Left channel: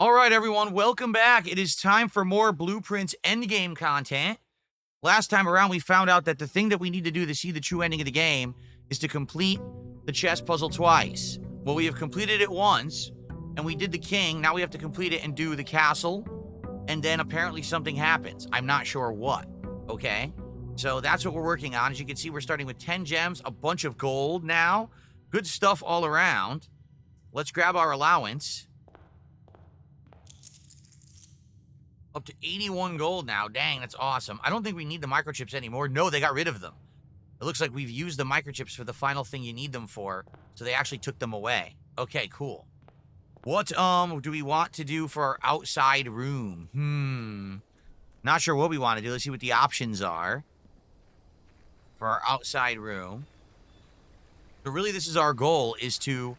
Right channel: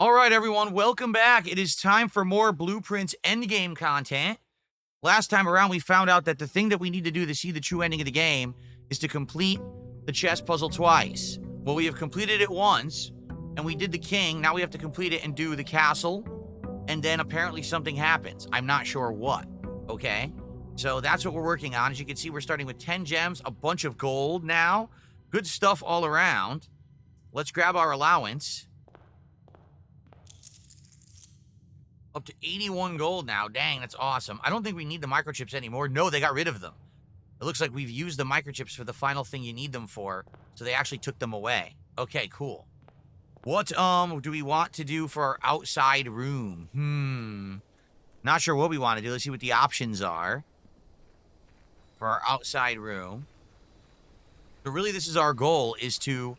All right, everyone, welcome back. It is time for more Blueprints endgame content. Last time around, we found out that the thing that we need to do to see the true ending of the game is to complete the chess puzzle twice. Well, we have completed it once, and we did the king. Now we have to complete it and do the castle, and then apparently something happens. I'm not sure what, okay? So that's what we're working on. As you can see, we're starting with 10 gems, a bunch of gold now. Good stuff all around. Let's grab our allowance. Up to 81 gold now. Dang, that's awesome. I don't think we need the microchips anymore. No, they got rid of them. It looks like we've used the microchips for the final thing you need them for, so they actually took them away. Okay, cool. What do we want to do for our outside room? Not sure what we want to do. Let's see what the options are for our outside room. So really, this is our goal, is to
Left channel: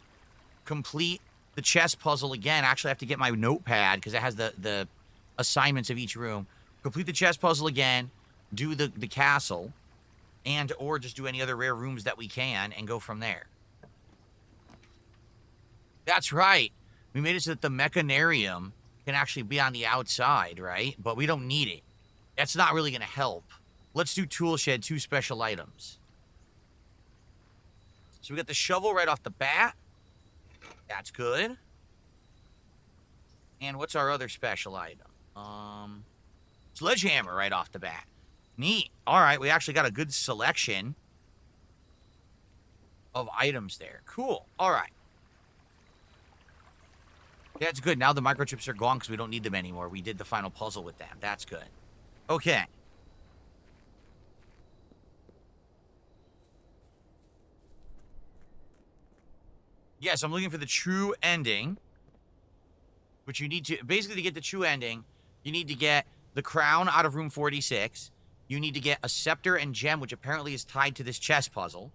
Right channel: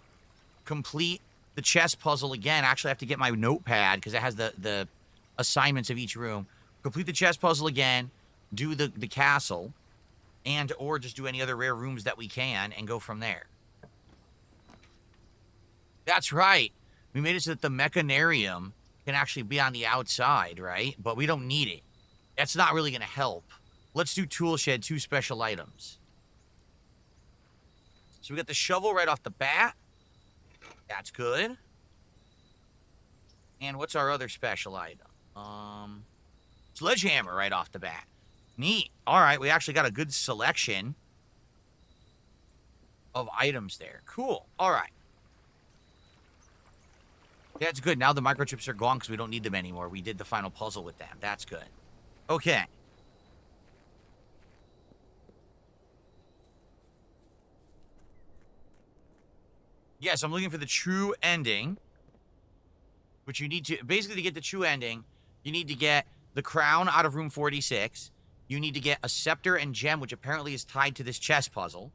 complete the chess puzzle again. Actually, I have to get my notepad because it has the assignments of each room. Complete the chess puzzle again, do the castle, and or just do any other rare rooms that we can and go from there. That's right. We made it so that the mechanarium can actually be on the outside, right? But we don't need it. That's not really going to help. Let's do tool shed, 2 special items. So we got the shovel right off the bat. That's good. And what's our other special item? Sledgehammer right off the bat. Neat. All right, we actually got a good selection of items there. Cool. All right. That's good. Now the microchips are gone because we don't need them anymore. We did the final puzzle with them. That's good. Okay. Yes, I'm looking for the true ending, which you need to... Basically, to get the true ending, you need to get the crown out of room 46. You need to get a scepter and gem, which apparently is tied to this chess puzzle.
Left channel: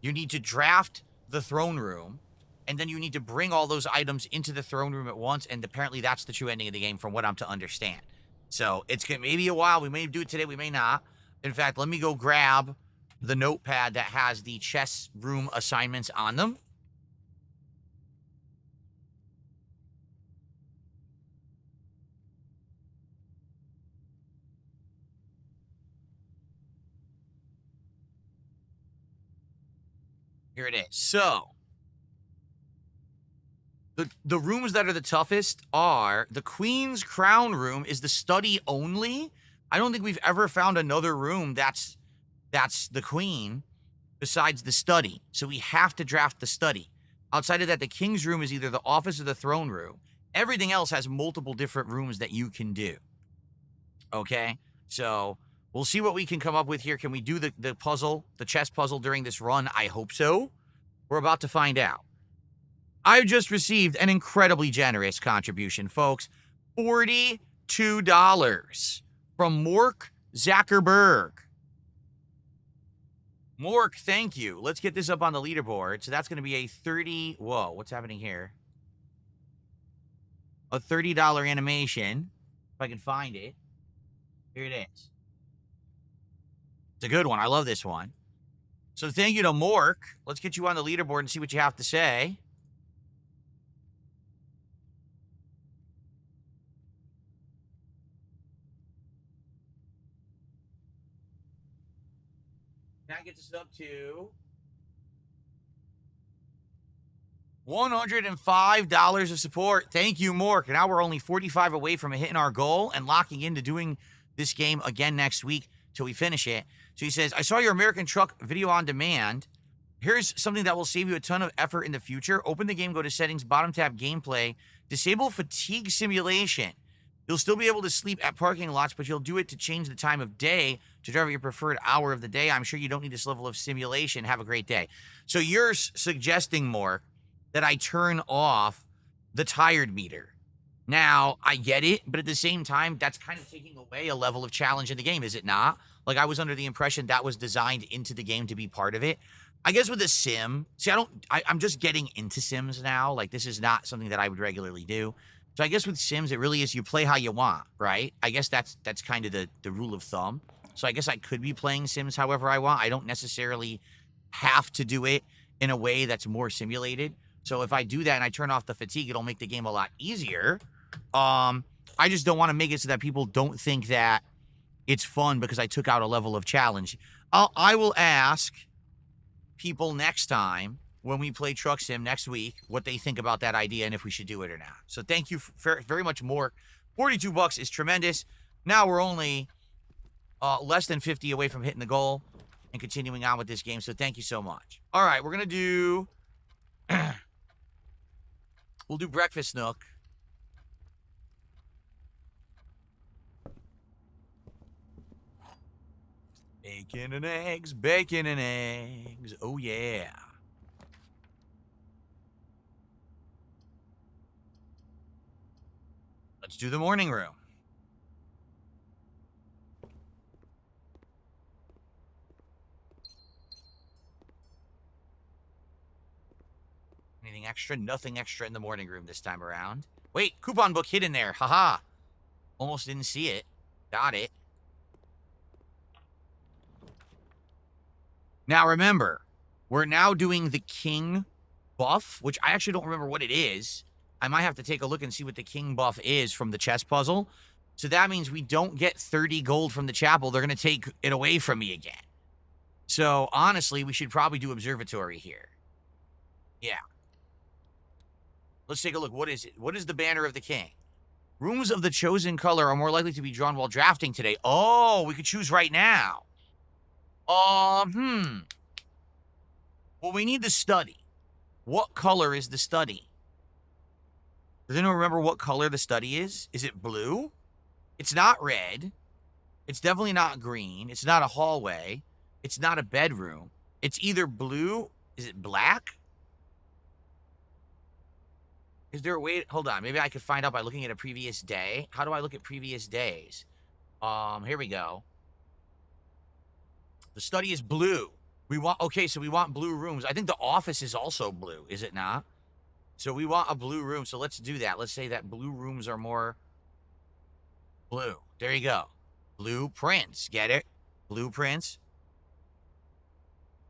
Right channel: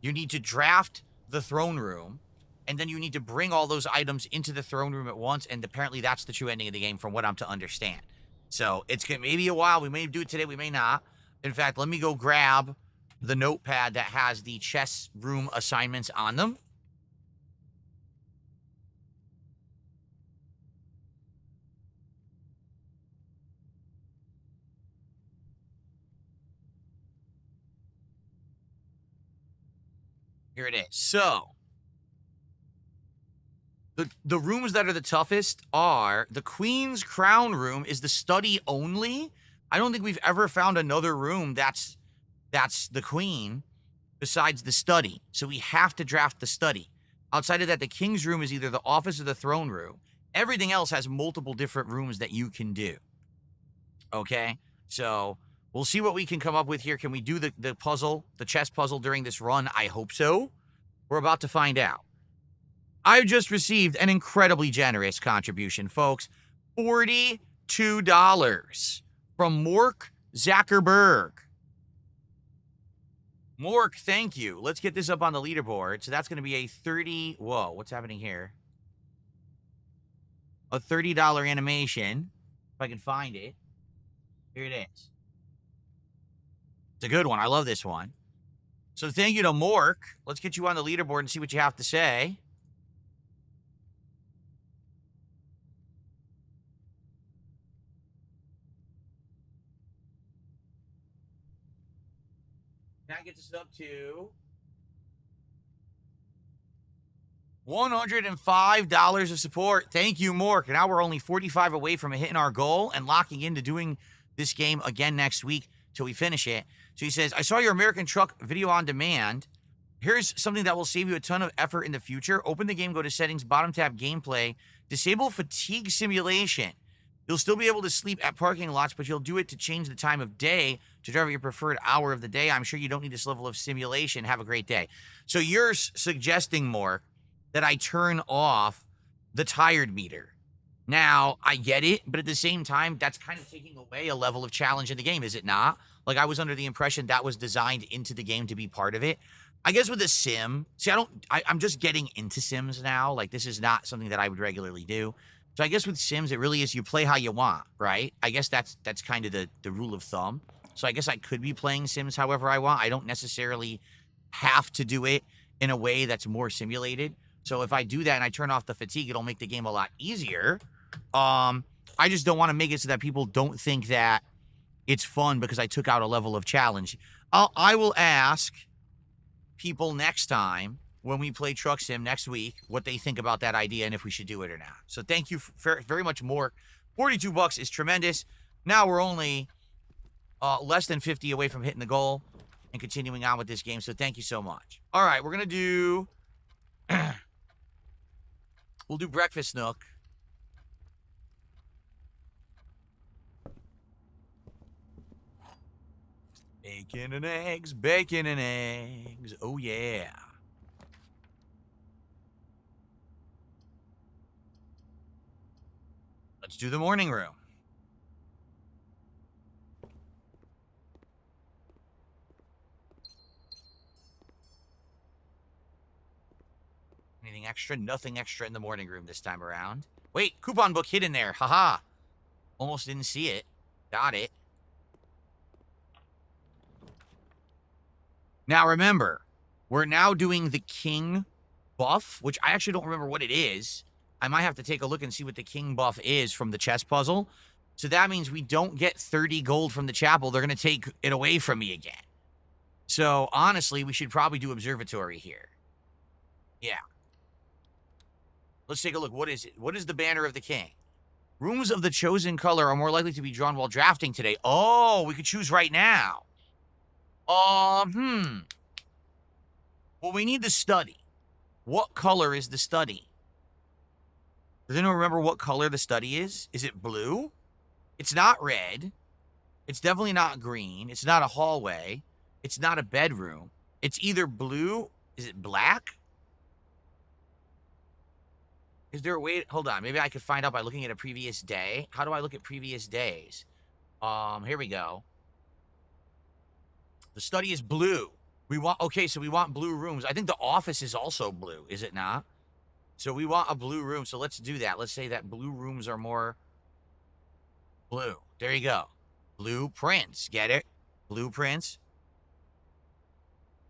You need to draft the throne room. And then you need to bring all those items into the throne room at once. And apparently that's the true ending of the game from what I'm to understand. So it's going to maybe a while. We may do it today. We may not. In fact, let me go grab the notepad that has the chess room assignments on them. Here it is. So, the rooms that are the toughest are the Queen's Crown room is the study only. I don't think we've ever found another room that's the Queen besides the study. So we have to draft the study. Outside of that, the King's room is either the office or the throne room. Everything else has multiple different rooms that you can do. Okay? So we'll see what we can come up with here. Can we do the puzzle, the chess puzzle during this run? I hope so. We're about to find out. I just received an incredibly generous contribution, folks. $42 from Mork Zuckerberg. Mork, thank you. Let's get this up on the leaderboard. So that's going to be a 30... Whoa, what's happening here? A $30 animation, if I can find it. Here it is. It's a good one. I love this one. So thank you to Mork. Let's get you on the leaderboard and see what you have to say. Can I get this up to $105 of support? Thank you, Mork. Now we're only 45 away from hitting our goal and locking into doing this game again next week till we finish it. So he says, I saw your American Truck video on demand. Here's something that will save you a ton of effort in the future. Open the game, go to settings, bottom tab, gameplay, disable fatigue simulation. You'll still be able to sleep at parking lots, but you'll do it to change the time of day to drive at your preferred hour of the day. I'm sure you don't need this level of simulation. Have a great day. So you're suggesting, Mork, that I turn off the tired meter. Now, I get it, but at the same time, that's kind of taking away a level of challenge in the game, is it not? Like, I was under the impression that was designed into the game to be part of it. I guess with a sim, see, I'm just getting into Sims now. Like, this is not something that I would regularly do. So I guess with Sims, it really is you play how you want, right? I guess that's kind of the rule of thumb. So I guess I could be playing Sims however I want. I don't necessarily have to do it in a way that's more simulated. So if I do that and I turn off the fatigue, it'll make the game a lot easier. I just don't want to make it so that people don't think that it's fun because I took out a level of challenge. I will ask people next time when we play Truck Sim next week what they think about that idea and if we should do it or not. So thank you very much, Mork. $42 is tremendous. Now we're only less than 50 away from hitting the goal and continuing on with this game. So thank you so much. All right, we're going to do... we'll do Breakfast Nook. Bacon and eggs, bacon and eggs. Oh, yeah. Let's do the morning room. Anything extra? Nothing extra in the morning room this time around. Wait, coupon book hidden there. Haha. Almost didn't see it. Got it. Now remember, we're now doing the king buff, which I actually don't remember what it is. I might have to take a look and see what the king buff is from the chess puzzle. So that means we don't get 30 gold from the chapel. They're going to take it away from me again. So honestly, we should probably do observatory here. Yeah. Let's take a look. What is it? What is the banner of the king? Rooms of the chosen color are more likely to be drawn while drafting today. Oh, we could choose right now. Well, we need the study. What color is the study? Does anyone remember what color the study is? Is it blue? It's not red. It's definitely not green. It's not a hallway. It's not a bedroom. It's either blue. Is it black? Is there a way? Hold on. Maybe I could find out by looking at a previous day. How do I look at previous days? Here we go. The study is blue. Okay, so we want blue rooms. I think the office is also blue, is it not? So we want a blue room. So let's do that. Let's say that blue rooms are more blue. There you go. Blueprints. Get it? Blueprints.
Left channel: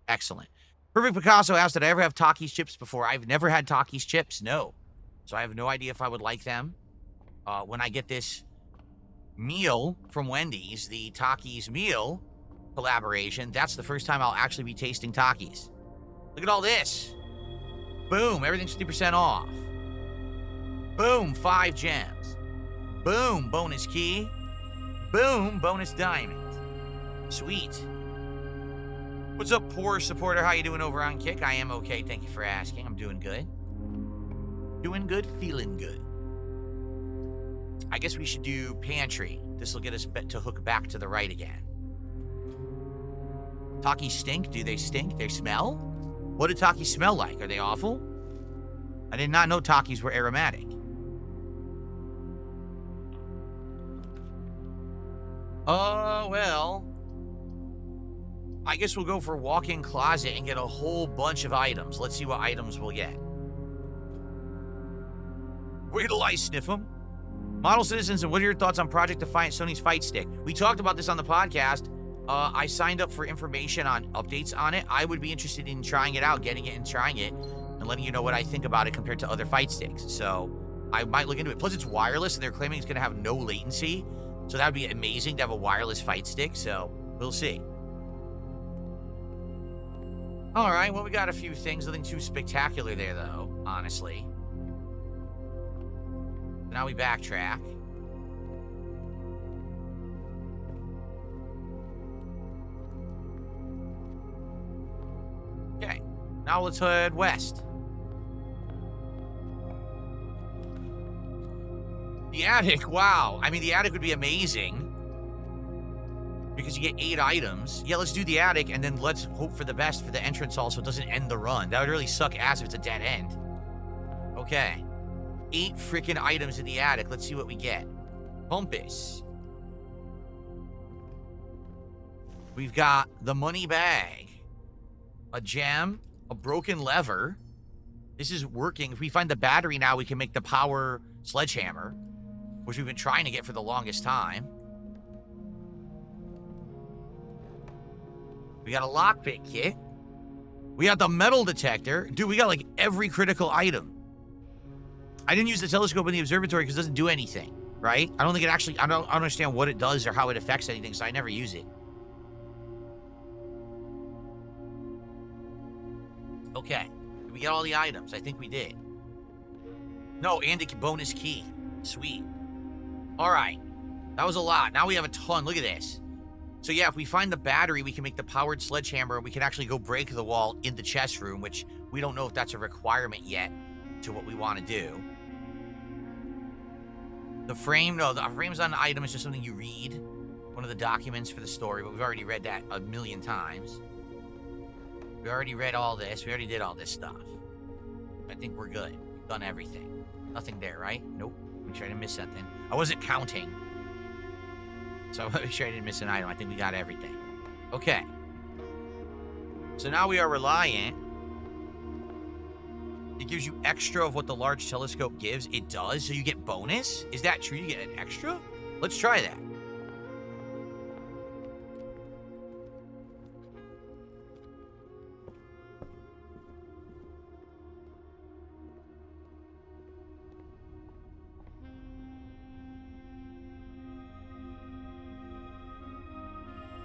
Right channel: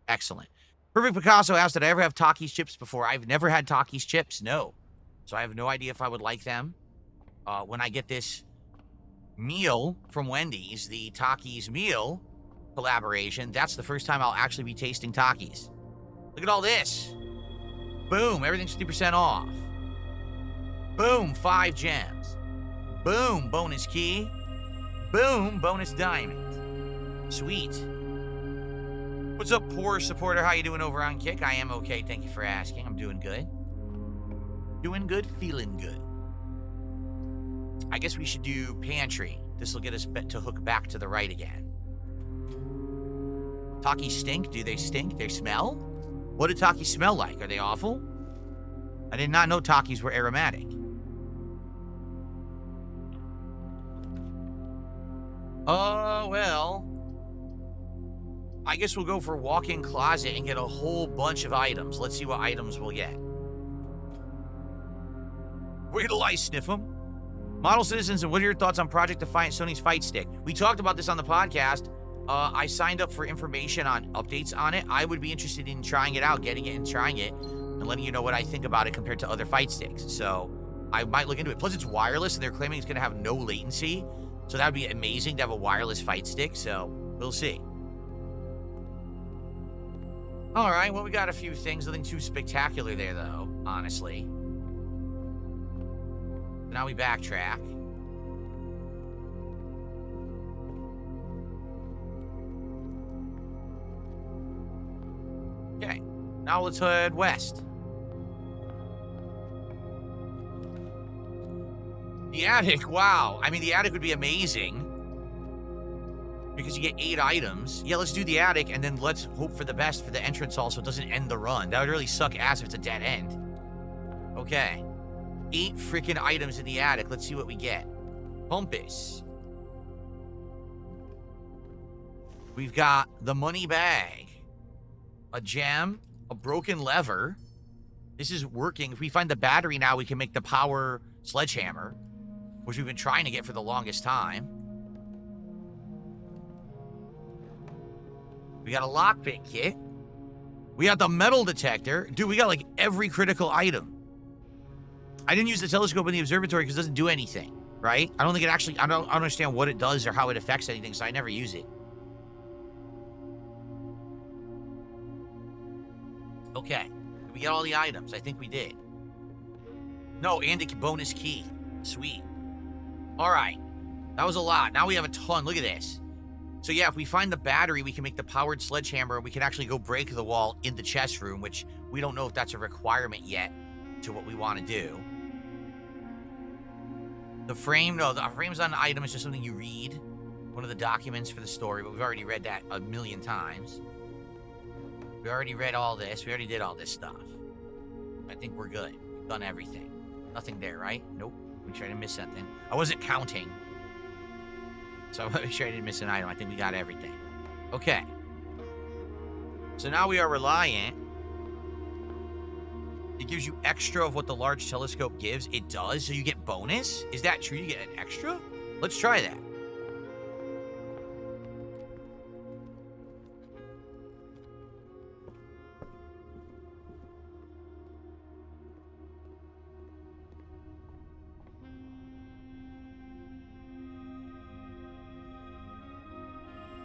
Excellent. Perfect Picasso asked, did I ever have Takis chips before? I've never had Takis chips. No. So I have no idea if I would like them. When I get this meal from Wendy's, the Takis meal collaboration, that's the first time I'll actually be tasting Takis. Look at all this. Boom, everything's 50% off. Boom, 5 gems. Boom, bonus key. Boom, bonus diamond. Sweet. What's up, poor supporter? How you doing over on Kick? I am okay, thank you for asking. I'm doing good. Doing good, feeling good. I guess we should do pantry. This will get us to hook back to the right again. Takis stink? Do they stink? They smell? What do Takis smell like? Are they awful? I did not know Takis were aromatic. Well, I guess we'll go for walk-in closet and get a whole bunch of items. Let's see what items we'll get. Where till I sniff them? Model Citizens, and what are your thoughts on Project Defiant Sony's Fight Stick? We talked about this on the podcast. I signed up for information on updates on it. I would be interested in trying it out, getting it and trying it, and letting you know what I think about it compared to other fight sticks. So I might look into it. Plus, it's wireless, and they're claiming it's going to have no latency. So that would be amazing to have a wireless fight stick. So we'll see. All right, well, we got a few things. Nothing too spectacular there, though, honestly. Now we backtrack. Okay, now let's head west. The attic, wow. I mean, the attic would be amazing because you get 8 items. Yeah, let's do the attic, and then let's hope for the best for the entrance hall so it doesn't end the run. That would really suck ass if it's a dead end. Okay. 8 freaking items in the attic. Let's see what we get. Compass. We've got the money bag. A gem. A broken lever. This is working. If we find the battery now, we can make the power sledgehammer, which we've been trying to get for the longest time. We got a lockpick kit. We got the metal detector. Dude, we got like every critical item. I didn't use the telescope in the observatory because it doesn't do anything, right? I don't think it actually, I don't understand what it does or how it affects anything, so I never use it. Okay. Did we get all the items? I think we did. No, and a bonus key. Sweet. All right. That was a lot. Now we have a ton. Look at this. So yeah, if we find the battery, we can make the powered sledgehammer, and we can actually go break the wall in the chest room, which we don't know if that's a requirement yet to what we want to do. The frame, no, the frame's not an item. It's just something you read. One of the documents for the story, but we've already read that a million times. We already read all this. We already did all this stuff. I think we're good. We've done everything. Nothing there, right? Nope. Make sure I didn't miss something. I wasn't counting. So I'm make sure I didn't miss an item. I think we got everything. Okay. So now we are reliant. It gives you extra of what the large telescope gives. It does. So you get bonus? Is that true? You get an extra? Let's try that.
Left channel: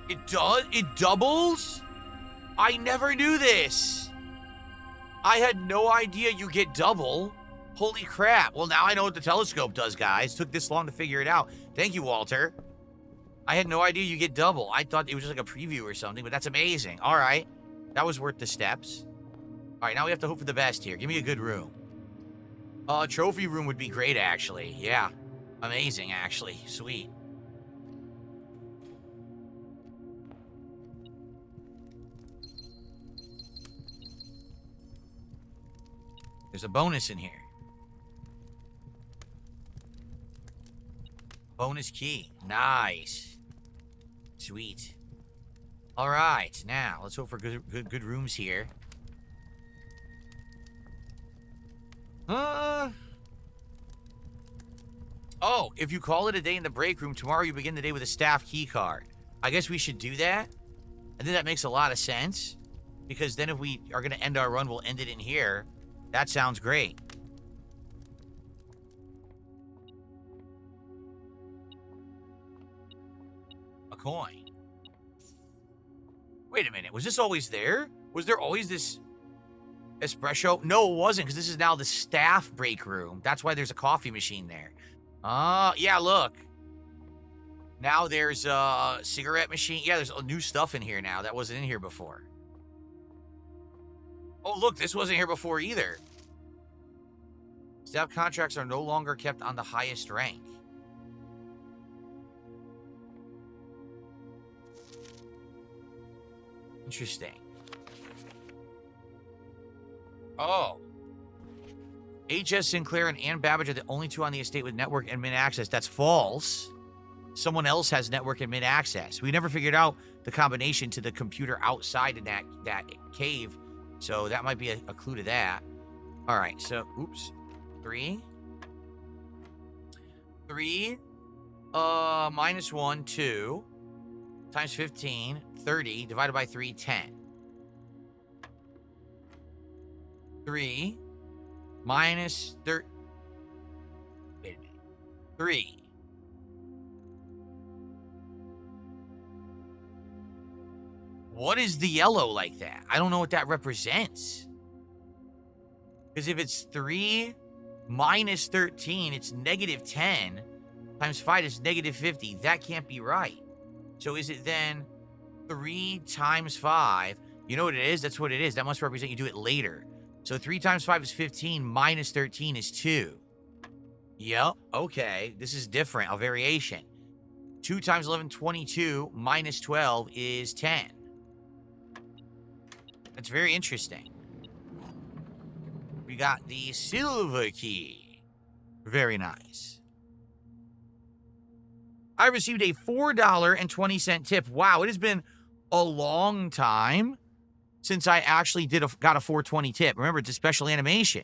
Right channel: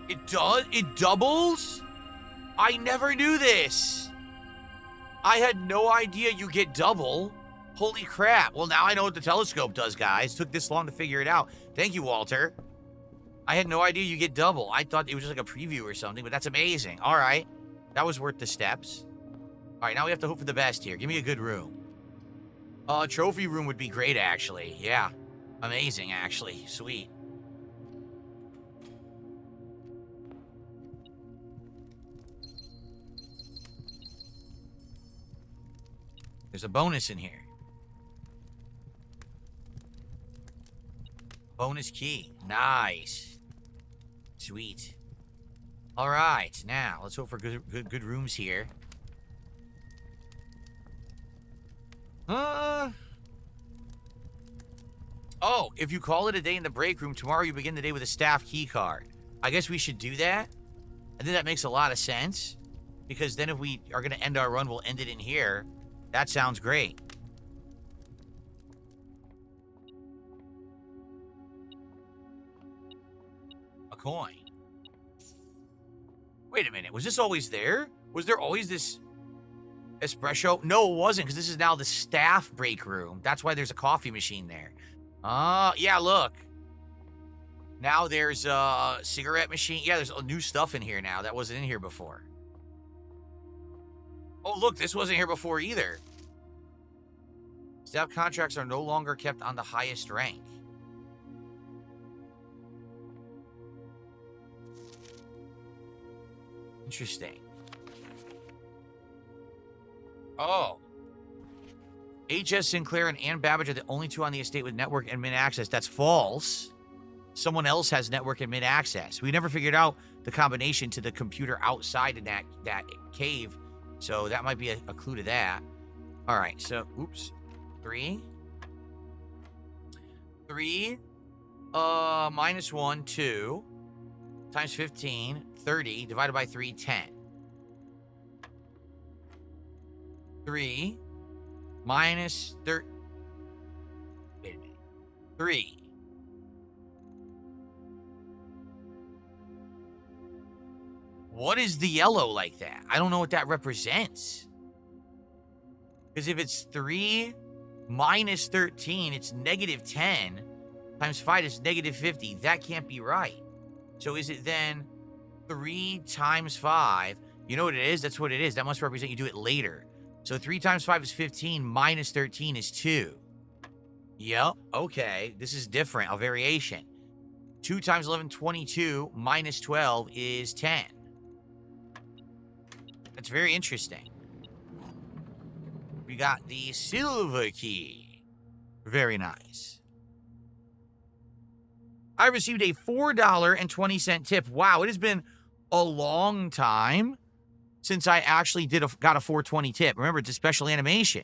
It does? It doubles? I never knew this. I had no idea you get double. Holy crap. Well, now I know what the telescope does, guys. Took this long to figure it out. Thank you, Walter. I had no idea you get double. I thought it was just like a preview or something, but that's amazing. All right. That was worth the steps. All right, now we have to hope for the best here. Give me a good room. Trophy room would be great, actually. Yeah. Amazing, actually. Sweet. There's a bonus in here. Bonus key. Nice. Sweet. All right. Now, let's hope for good rooms here. Oh, if you call it a day in the break room, tomorrow you begin the day with a staff key card. I guess we should do that. I think that makes a lot of sense. Because then if we are going to end our run, we'll end it in here. That sounds great. A coin. Wait a minute. Was this always there? Was there always this espresso? No, it wasn't, because this is now the staff break room. That's why there's a coffee machine there. Yeah, look. Now there's a cigarette machine. Yeah, there's new stuff in here now that wasn't in here before. Oh, look, this wasn't here before either. Staff contracts are no longer kept on the highest rank. Interesting. Oh. H.S. Sinclair and Ann Babbage are the only two on the estate with network and mid-access. That's false. Someone else has network and mid-access. We never figured out the combination to the computer outside in that cave. So that might be a clue to that. All right, so, oops. 3. Minus 1, 2. Times 15, 30. Divided by 3, 10. 3. Minus 30. Wait a minute. 3. What is the yellow like that? I don't know what that represents. Because if it's 3 minus 13, it's negative 10. Times 5 is negative 50. That can't be right. So is it then 3 times 5? You know what it is? That's what it is. That must represent you do it later. So 3 times 5 is 15. Minus 13 is 2. Yep. Okay. This is different. A variation. 2 times 11, 22. Minus 12 is 10. That's very interesting. We got the silver key. Very nice. I received a $4.20 tip. Wow, it has been a long time since I actually got a $4.20 tip. Remember, it's a special animation.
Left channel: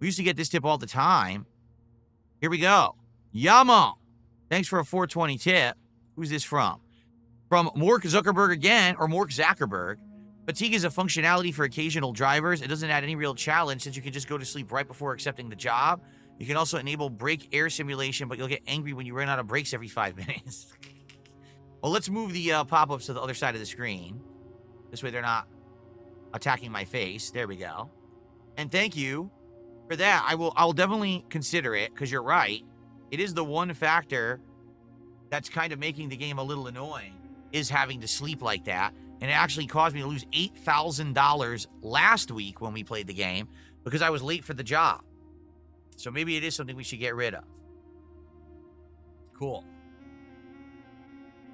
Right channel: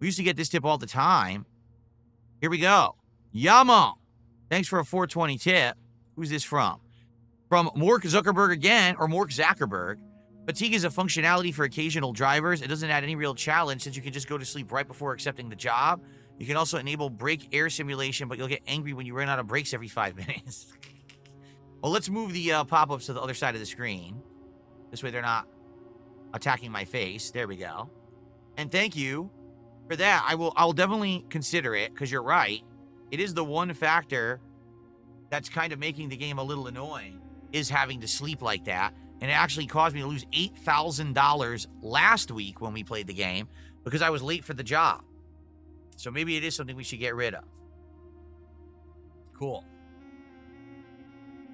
We used to get this tip all the time. Here we go. Yama. Thanks for a $4.20 tip. Who's this from? From Mork Zuckerberg again, or Mork Zuckerberg. Fatigue is a functionality for occasional drivers. It doesn't add any real challenge since you can just go to sleep right before accepting the job. You can also enable brake air simulation, but you'll get angry when you run out of brakes every 5 minutes. Well, let's move the pop-ups to the other side of the screen. This way they're not attacking my face. There we go. And thank you for that. I'll definitely consider it, because you're right. It is the one factor that's kind of making the game a little annoying, is having to sleep like that. And it actually caused me to lose $8,000 last week when we played the game because I was late for the job. So maybe it is something we should get rid of. Cool.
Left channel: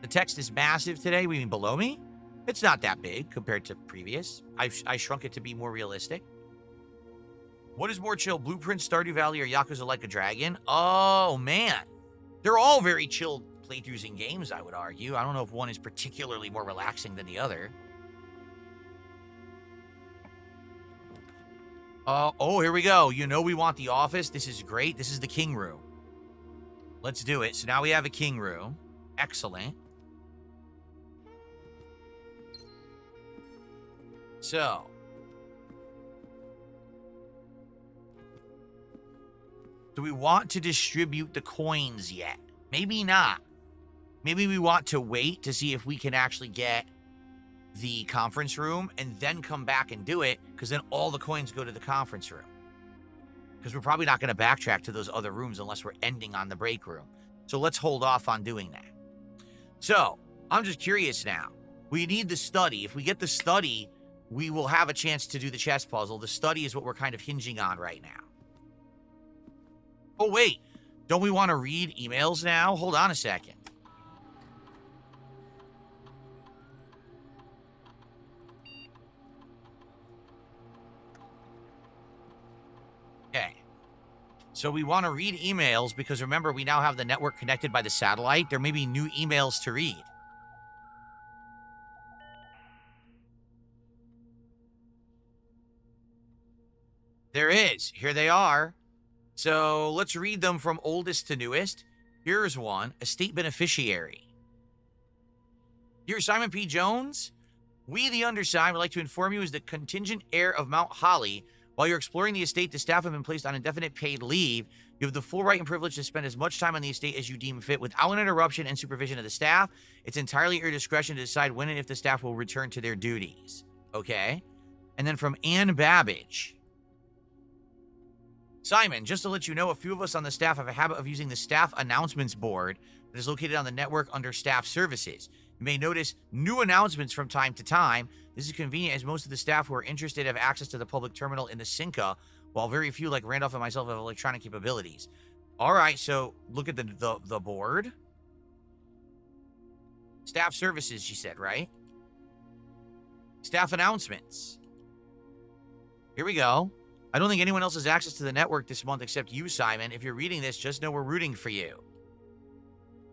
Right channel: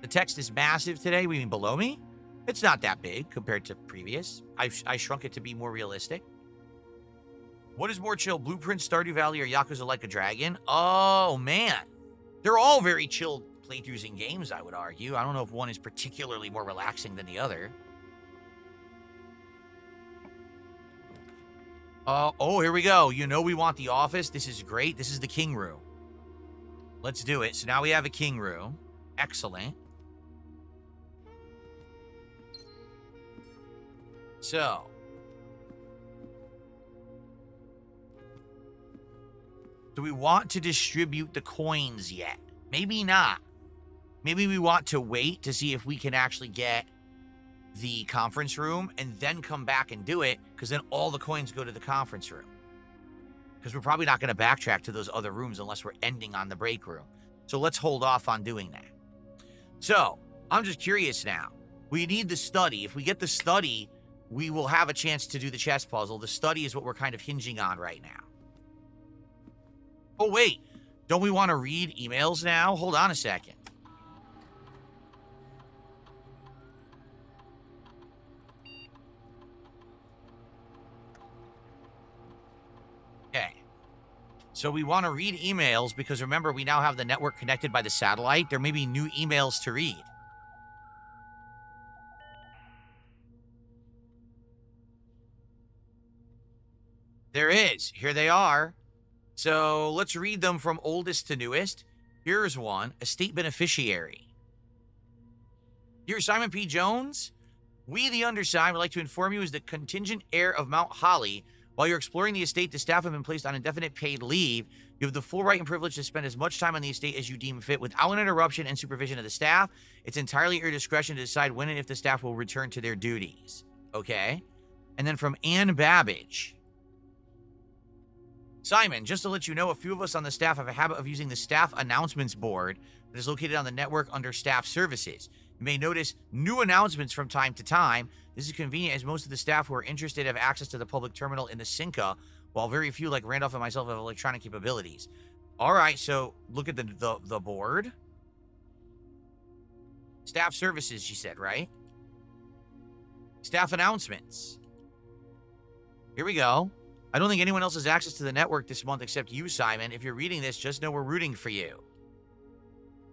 The text is massive today. We mean below me? It's not that big compared to previous. I shrunk it to be more realistic. What is more chill, Blueprint, Stardew Valley, or Yakuza Like a Dragon? Oh, man. They're all very chill playthroughs in games, I would argue. I don't know if one is particularly more relaxing than the other. Oh, here we go. You know we want the office. This is great. This is the king room. Let's do it. So now we have a king room. Excellent. So. Do we want to distribute the coins yet? Maybe not. Maybe we want to wait to see if we can actually get the conference room and then come back and do it, because then all the coins go to the conference room. Because we're probably not going to backtrack to those other rooms unless we're ending on the break room. So let's hold off on doing that. So, I'm just curious now. We need the study. If we get the study, we will have a chance to do the chess puzzle. The study is what we're kind of hinging on right now. Oh, wait. Don't we want to read emails now? Hold on a second. Okay. So we want to read emails because remember, we now have the network connected by the satellite. There may be new emails to read. There is. Here they are. So let's read them from oldest to newest. Here's one. Estate beneficiary. Dear Simon P. Jones, we, the undersigned, would like to inform you as the contingent heir of Mount Holly. While you're exploring the estate, the staff have been placed on indefinite paid leave. You have the full right and privilege to spend as much time on the estate as you deem fit without an interruption and supervision of the staff. It's entirely at your discretion to decide when and if the staff will return to their duties. Okay. And then from Ann Babbage. Simon, just to let you know, a few of us on the staff have a habit of using the staff announcements board that is located on the network under staff services. You may notice new announcements from time to time. This is convenient as most of the staff who are interested have access to the public terminal in the Cinca, while very few like Randolph and myself have electronic capabilities. All right, so look at the board. Staff services, she said, right? Staff announcements. Here we go. I don't think anyone else has access to the network this month except you, Simon. If you're reading this, just know we're rooting for you.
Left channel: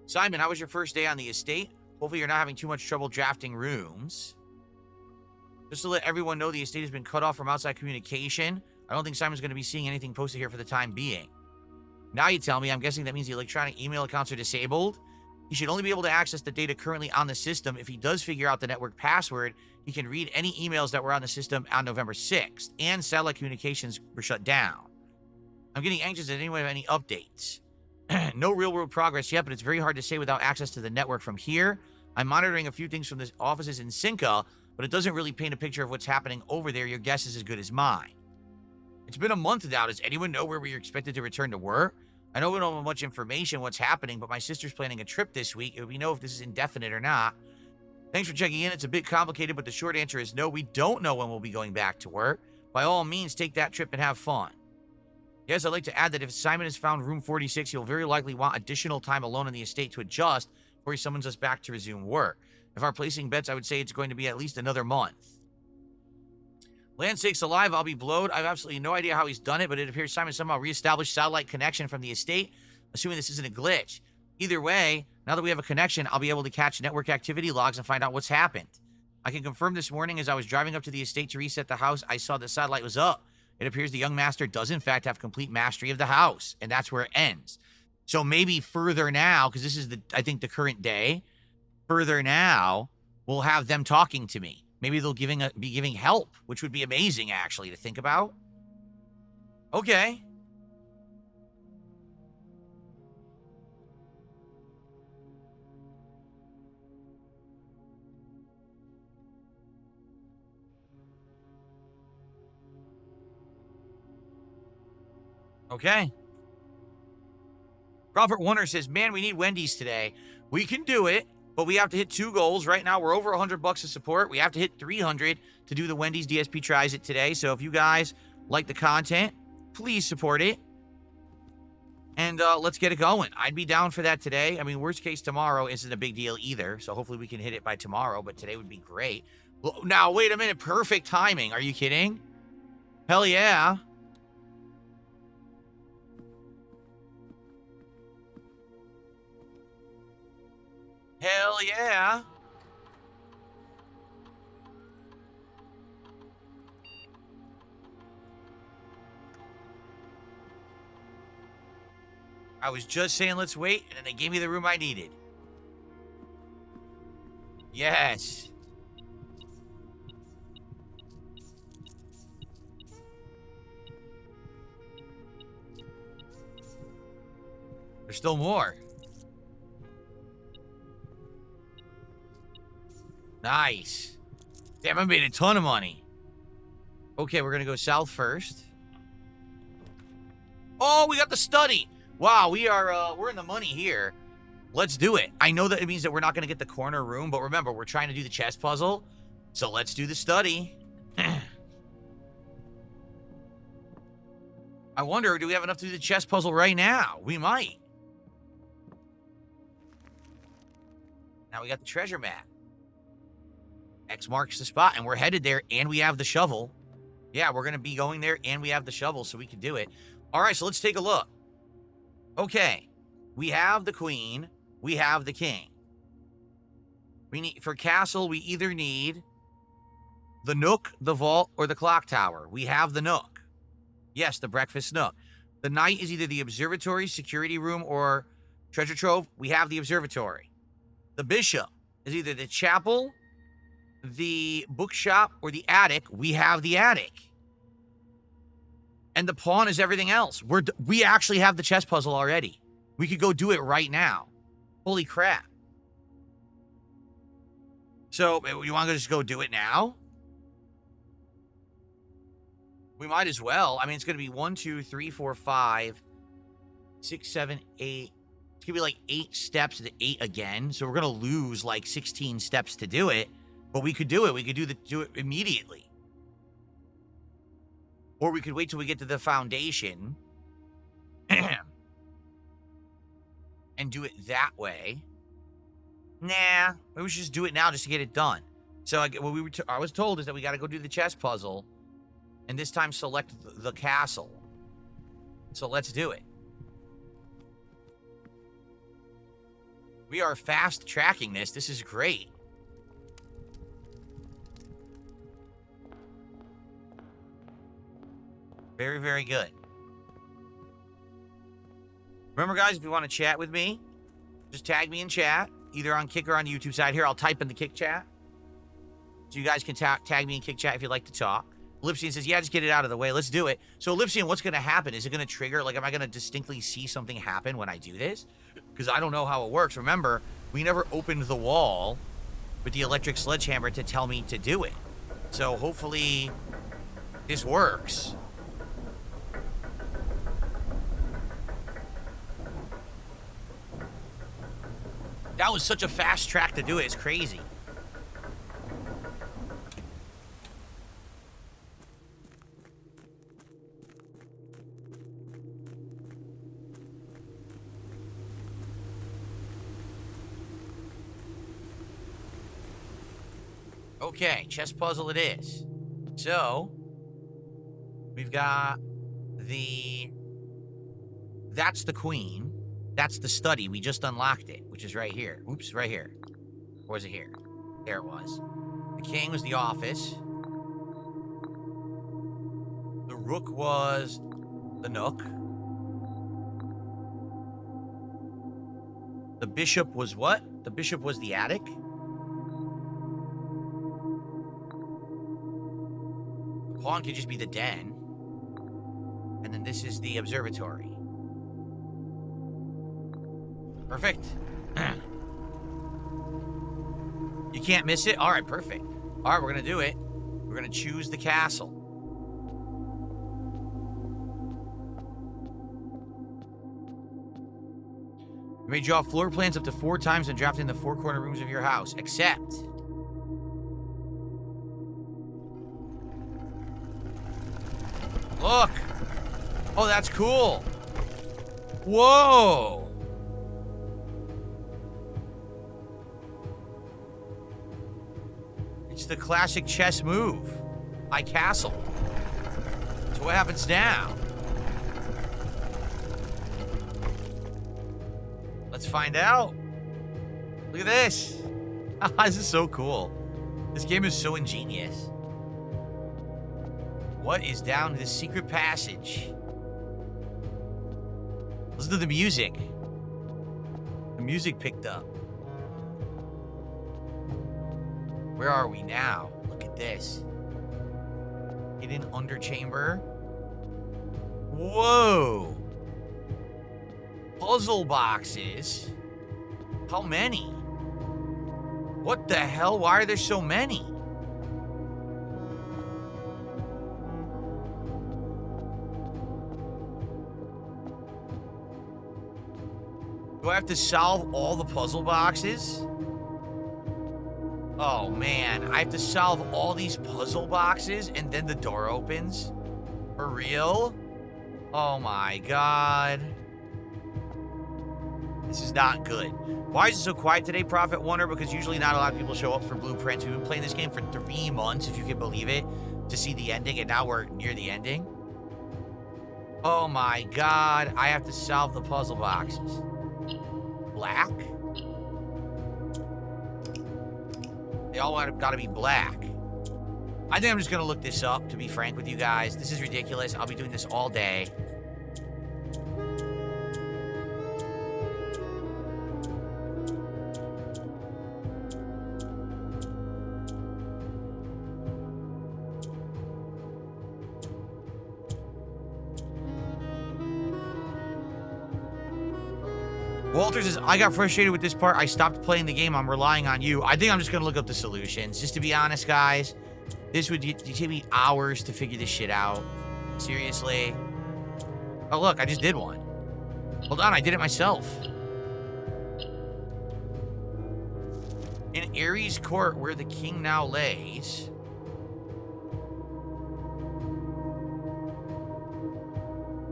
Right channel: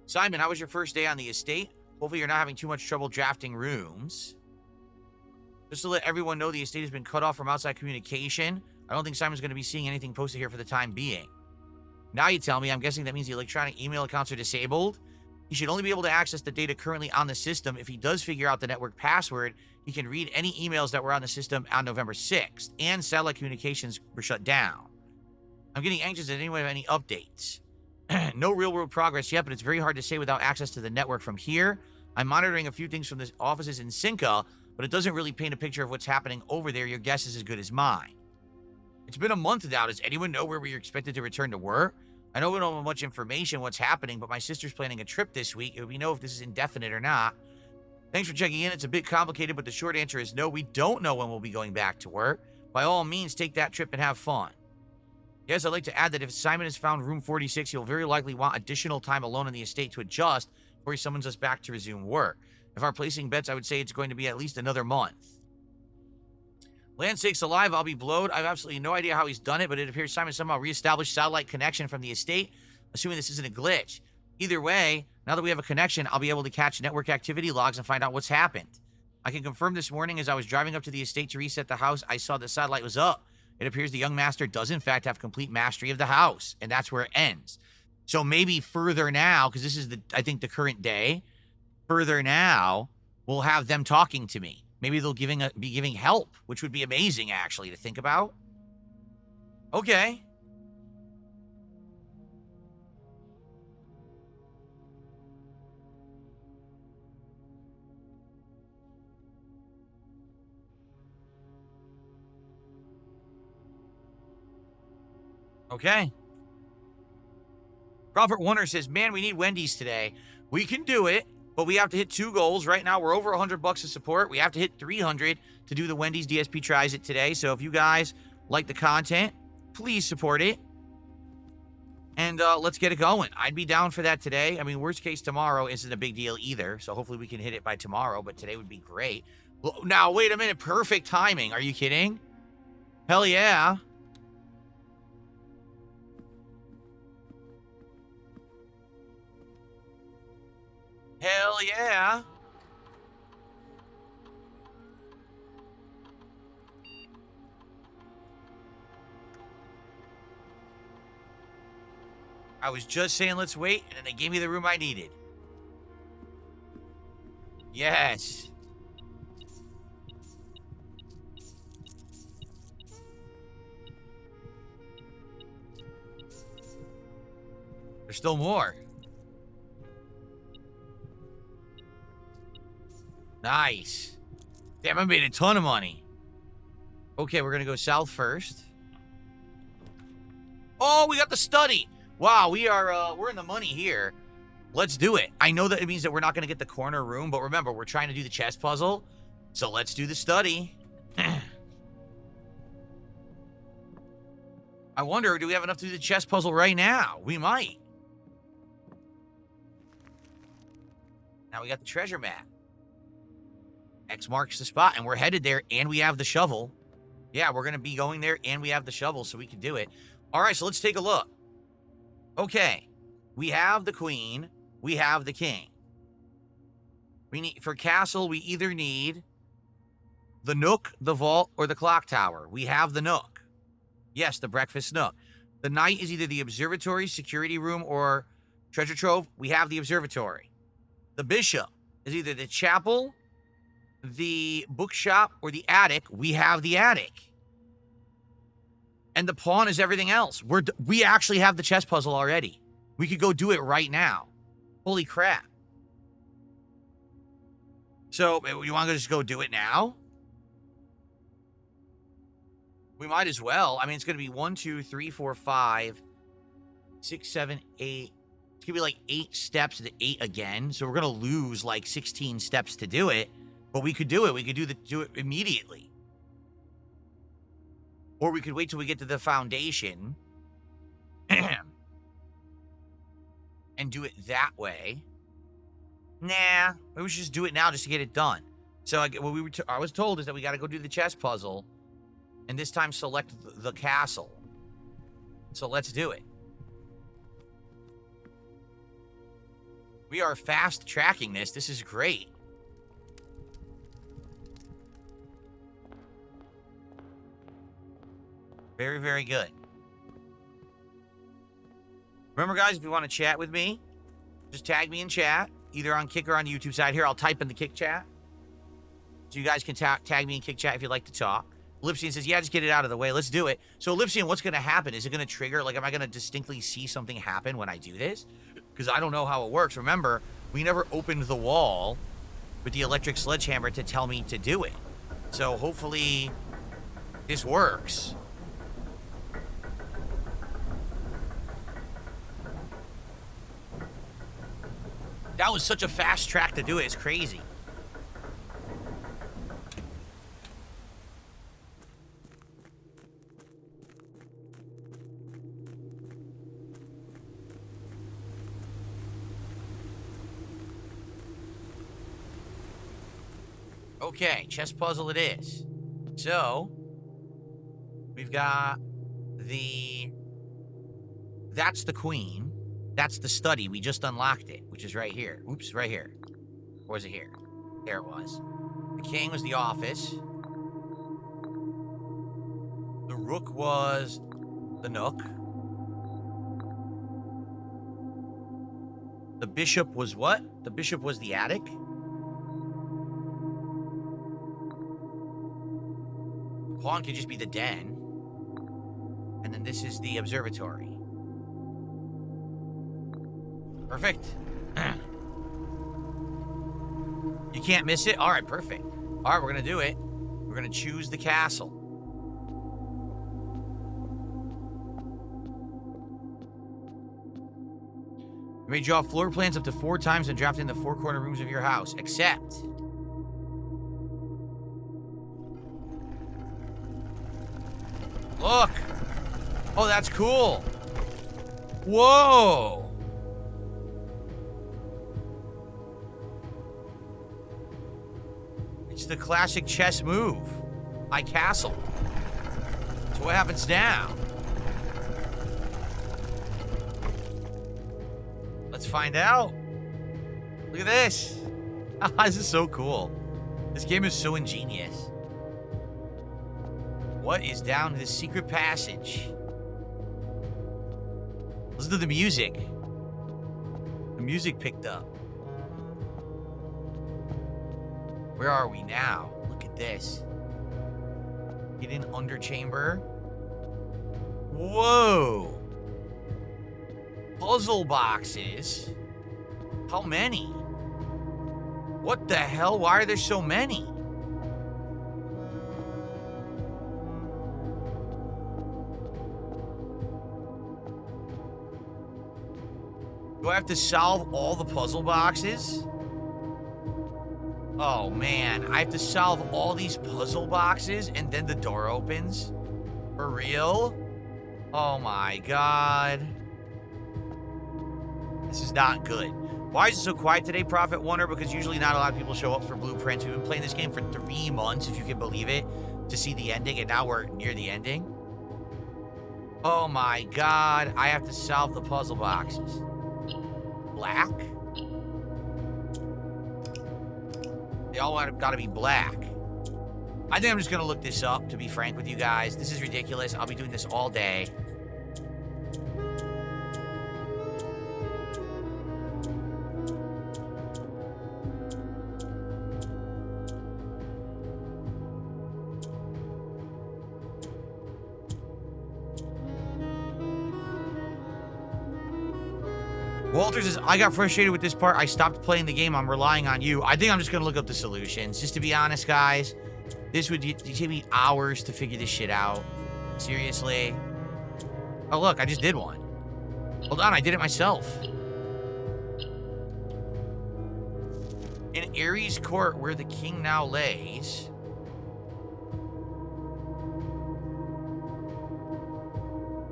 Simon, how was your first day on the estate? Hopefully you're not having too much trouble drafting rooms. Just to let everyone know, the estate has been cut off from outside communication. I don't think Simon's going to be seeing anything posted here for the time being. Now you tell me, I'm guessing that means the electronic email accounts are disabled? He should only be able to access the data currently on the system. If he does figure out the network password, he can read any emails that were on the system on November 6th, and satellite communications were shut down. I'm getting anxious. Does anyone have any updates? No real-world progress yet, but it's very hard to say without access to the network from here. I'm monitoring a few things from the offices in Cinca, but it doesn't really paint a picture of what's happening over there. Your guess is as good as mine. It's been a month now. Does anyone know where we're expected to return to work? I know we don't have much information what's happening, but my sister's planning a trip this week, and we know if this is indefinite or not. Thanks for checking in. It's a bit complicated, but the short answer is no, we don't know when we'll be going back to work. By all means, take that trip and have fun. Yes, I'd like to add that if Simon has found room 46, he'll very likely want additional time alone in the estate to adjust before he summons us back to resume work. If I'm placing bets, I would say it's going to be at least another month. Land sakes alive, I'll be blowed. I have absolutely no idea how he's done it, but it appears Simon somehow reestablished satellite connection from the estate, assuming this isn't a glitch. Either way, now that we have a connection, I'll be able to catch network activity logs and find out what's happened. I can confirm this morning as I was driving up to the estate to reset the house, I saw the satellite was up. It appears the young master does in fact have complete mastery of the house, and that's where it ends. So maybe further now, because this is I think the current day, further now, we'll have them talking to me. Maybe they'll be giving help, which would be amazing, actually, to think about. Okay. Okay. Robert Warner says, man, we need Wendy's today. We can do it, but we have to hit 2 goals. Right now, we're over $100 of support. We have to hit 300 to do the Wendy's DSP Tries It today. So if you guys like the content, please support it. And let's get it going. I'd be down for that today. I mean, worst case, tomorrow isn't a big deal either. So hopefully we can hit it by tomorrow, but today would be great. Well, now, wait a minute. Perfect timing. Are you kidding? Hell yeah. Hell yeah. I was just saying let's wait, and then they gave me the room I needed. Yes. There's still more. Nice. Damn, I made a ton of money. Okay, we're going to go south first. Oh, we got the study. Wow, we're in the money here. Let's do it. I know that it means that we're not going to get the corner room, but remember, we're trying to do the chess puzzle. So let's do the study. I wonder, do we have enough to do the chess puzzle right now? We might. Now we got the treasure map. X marks the spot, and we're headed there, and we have the shovel. Yeah, we're going to be going there, and we have the shovel, so we can do it. All right, so let's take a look. Okay, we have the queen. We have the king. We need, for castle, we either need the nook, the vault, or the clock tower. We have the nook. Yes, the breakfast nook. The knight is either the observatory, security room, or treasure trove. We have the observatory. The bishop is either the chapel, the bookshop, or the attic. We have the attic. And the pawn is everything else. We actually have the chess puzzle already. We could go do it right now. Holy crap. So, you want to just go do it now? We might as well. I mean, it's going to be 1, 2, 3, 4, 5, 6, 7, 8. It's going to be like 8 steps to 8 again. So we're going to lose like 16 steps to do it. But we could do it. We could do it immediately. Or we could wait till we get to the foundation and do it that way. Nah, maybe we should just do it now just to get it done. So what I was told is that we got to go do the chess puzzle, and this time select the castle. So let's do it. We are fast tracking this. This is great. Very, very good. Remember, guys, if you want to chat with me, just tag me in chat, either on Kick or on the YouTube side. Here, I'll type in the Kick chat. So you guys can tag me in Kick chat if you'd like to talk. Lipsian says, yeah, just get it out of the way. Let's do it. So, Lipsian, what's going to happen? Is it going to trigger? Like, am I going to distinctly see something happen when I do this? Because I don't know how it works. Remember, we never opened the wall with the electric sledgehammer to tell me to do it. So, hopefully, this works. That was such a fast track to do it. It's crazy. Okay, chess puzzle it is. So, we've got that's the queen. That's the study. We just unlocked it, which is right here. Oops, right here. Or was it here? There it was. The king was the office. The rook was the nook. The bishop was what? The bishop was the attic. The pawn could just be the den. And then this is the observatory. Perfect. You can't miss it? All right, perfect. All right, we're going to do it. We're going to choose the castle. You may draw floor plans up to 4 times and draft in the 4 corner rooms of your house, except... Look! Oh, that's cool! Whoa! It's the classic chess move. My castle. So what happens now? Let's find out. Look at this. This is so cool. This game is so ingenious. What is down this secret passage? Listen to the music. The music picked up. Where are we now? Look at this. Hidden underchamber. Whoa. Puzzle boxes. How many? What the hell? Why are there so many? Do I have to solve all the puzzle boxes? Oh man, I have to solve all these puzzle boxes and then the door opens? For real? Oh my god. This is not good. Why is it so quiet today, Prophet Wonder? Because usually not a lot of people show up for blueprints. We've been playing this game for 3 months, if you can believe it, to see the ending, and now we're near the ending. Oh my god, I have to solve the puzzle boxes. Black? They all have got to be black. I think I'm just going to look this up, to be frank with you guys. This is ridiculous. I'll be doing this all day. Walter says, I got frustrated with this part. I stopped playing the game. I'm relying on you. I think I'm just going to look up the solutions. Just to be honest, guys, this would take me hours to figure this shit out. Seriously. Oh, look, I just did one. Hold on, I did it myself. In Ares Court, where the king now lays...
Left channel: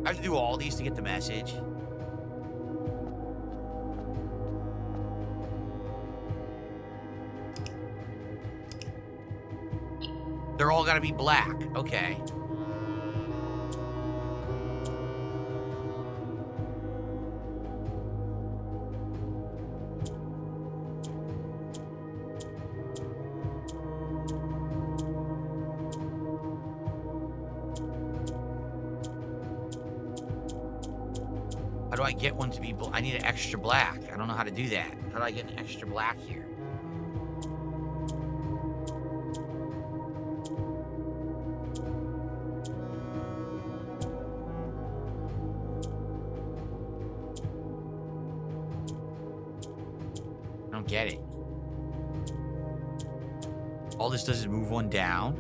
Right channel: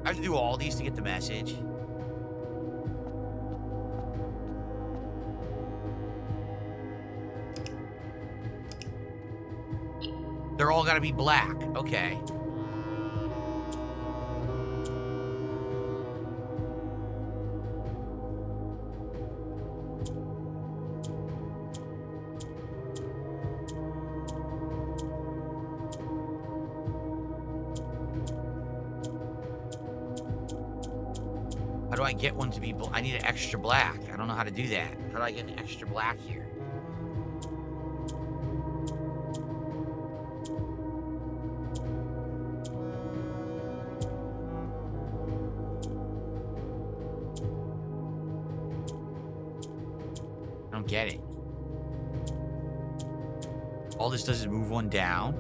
I have to do all these to get the message. They're all gotta be black. Okay. How do I get one to be black? I need an extra black. I don't know how to do that. How do I get an extra black here? I don't get it. All this does is move one down.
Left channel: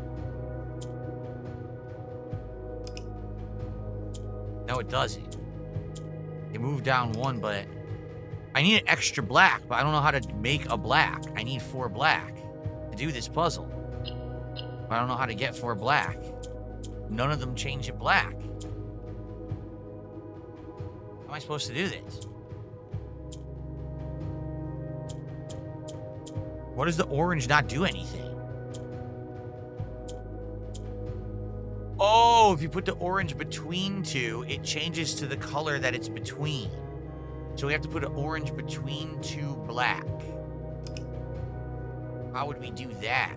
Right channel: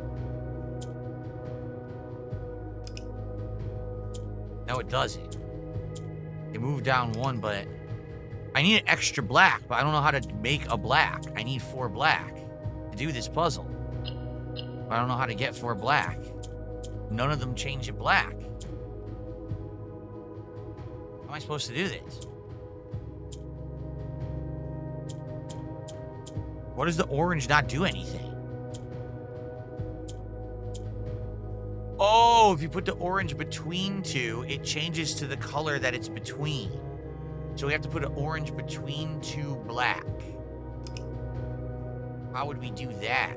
No, it doesn't. They move down one, but I need an extra black, but I don't know how to make a black. I need 4 black to do this puzzle. But I don't know how to get 4 black. None of them change it black. How am I supposed to do this? What does the orange not do anything? Oh, if you put the orange between 2, it changes to the color that it's between. So we have to put an orange between 2 black. How would we do that?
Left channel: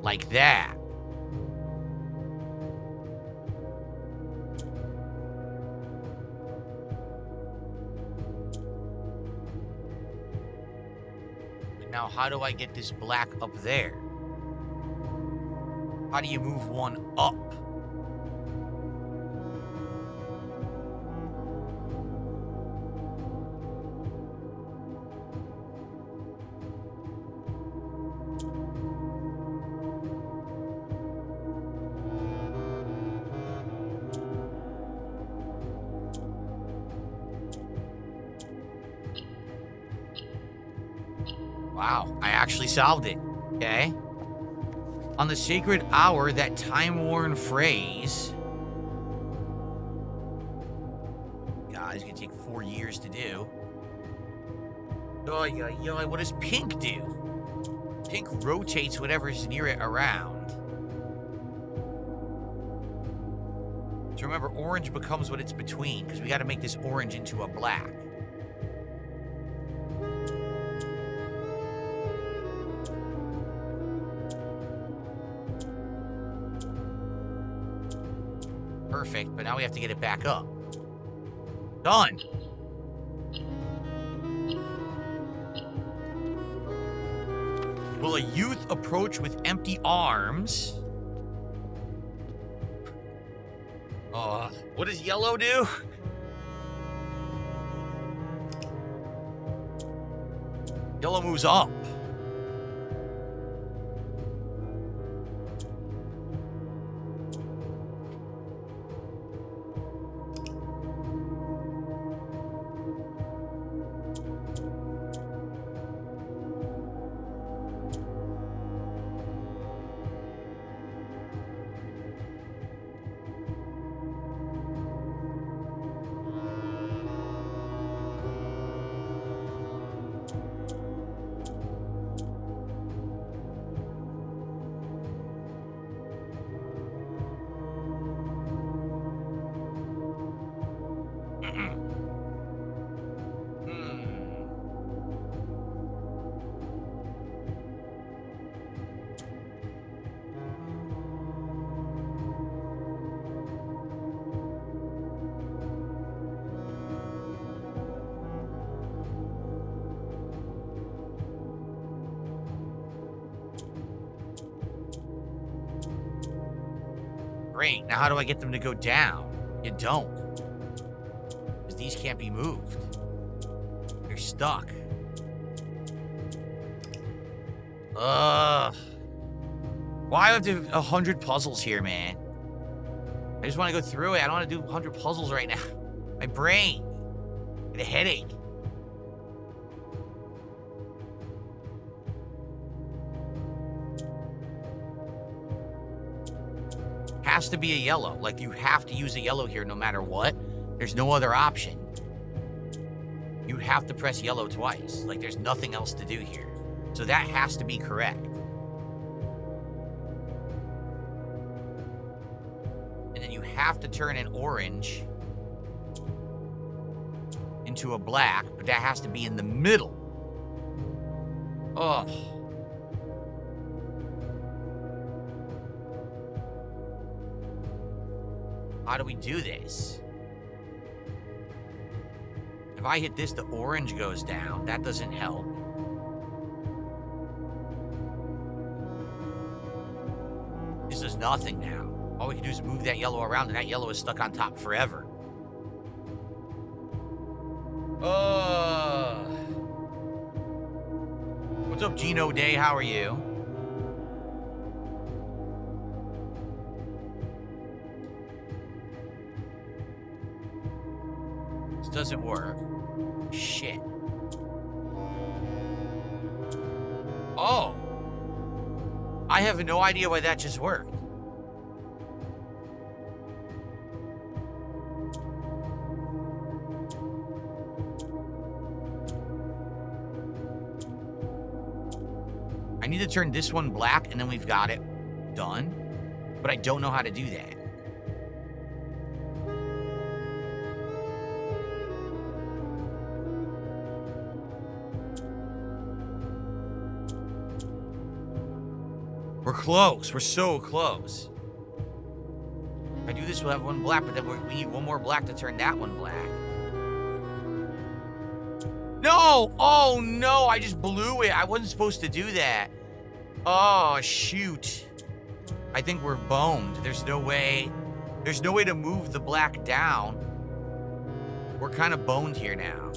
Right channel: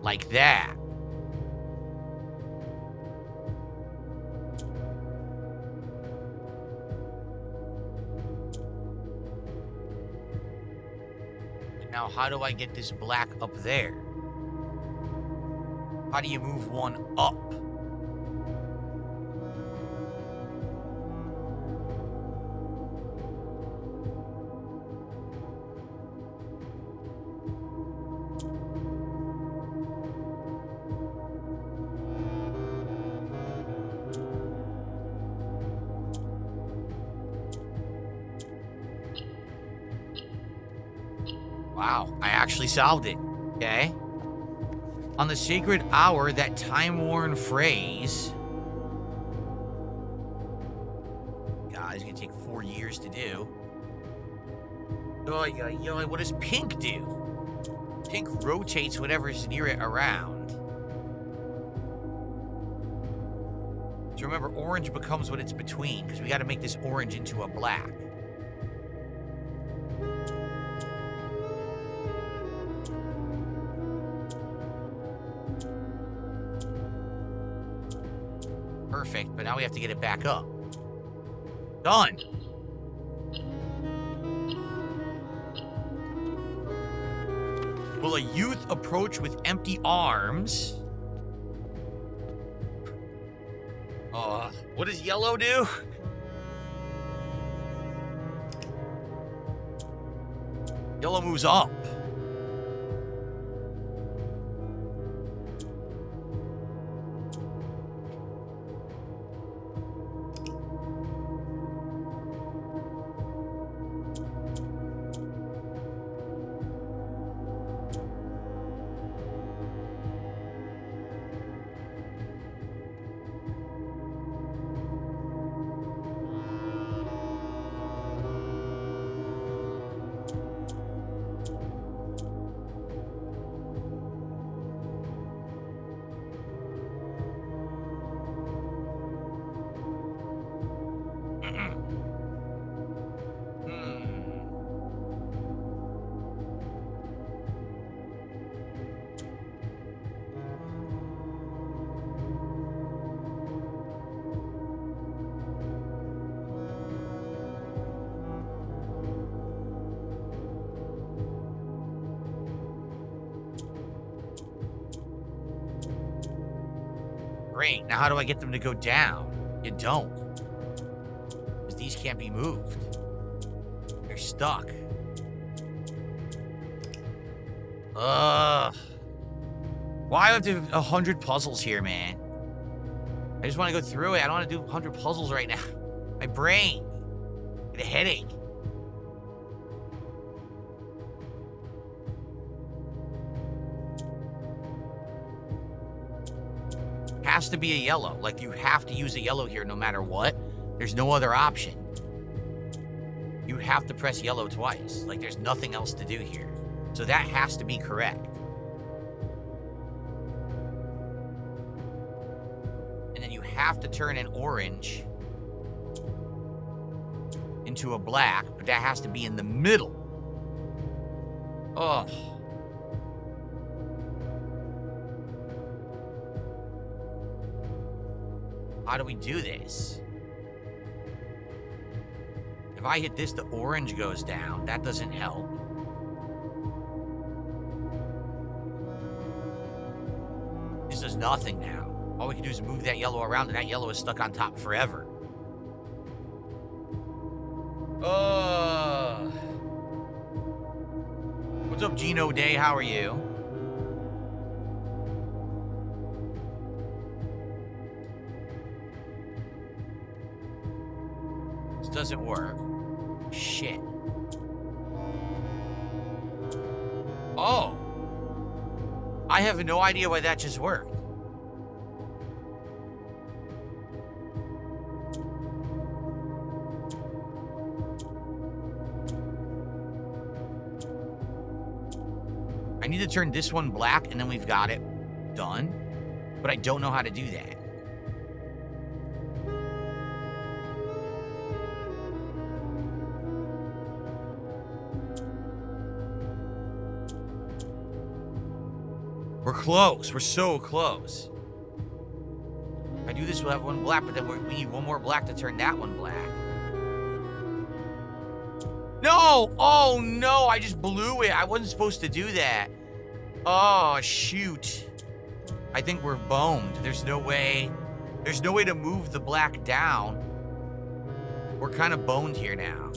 Like that. Now, how do I get this black up there? How do you move one up? Wow, I actually solved it. Okay. On the sacred hour, that time-worn phrase. God, it's gonna take 4 years to do. Oh, what does pink do? Pink rotates whatever's near it around. So remember, orange becomes what it's between, because we got to make this orange into a black. Perfect, but now we have to get it back up. Done. Will a youth approach with empty arms? What does yellow do? Yellow moves up. Great. Now how do I get them to go down? You don't. Because these can't be moved. They're stuck. Why do I have to do 100 puzzles here, man? I just want to go through it. I don't want to do 100 puzzles right now. My brain. I get a headache. Has to be a yellow. Like, you have to use a yellow here no matter what. There's no other option. You have to press yellow twice. Like, there's nothing else to do here. So that has to be correct. And then you have to turn an orange into a black, but that has to be in the middle. Ugh. How do we do this? If I hit this, the orange goes down. That doesn't help. This does nothing now. All we can do is move that yellow around, and that yellow is stuck on top forever. What's up, Gino Day? How are you? This doesn't work. Shit. Oh. I have no idea why that just worked. I need to turn this one black, and then we've got it done. But I don't know how to do that. We're close. We're so close. If I do this, we'll have one black, but then we need one more black to turn that one black. No! Oh, no! I just blew it. I wasn't supposed to do that. Oh, shoot. I think we're boned. There's no way. There's no way to move the black down. We're kind of boned here now.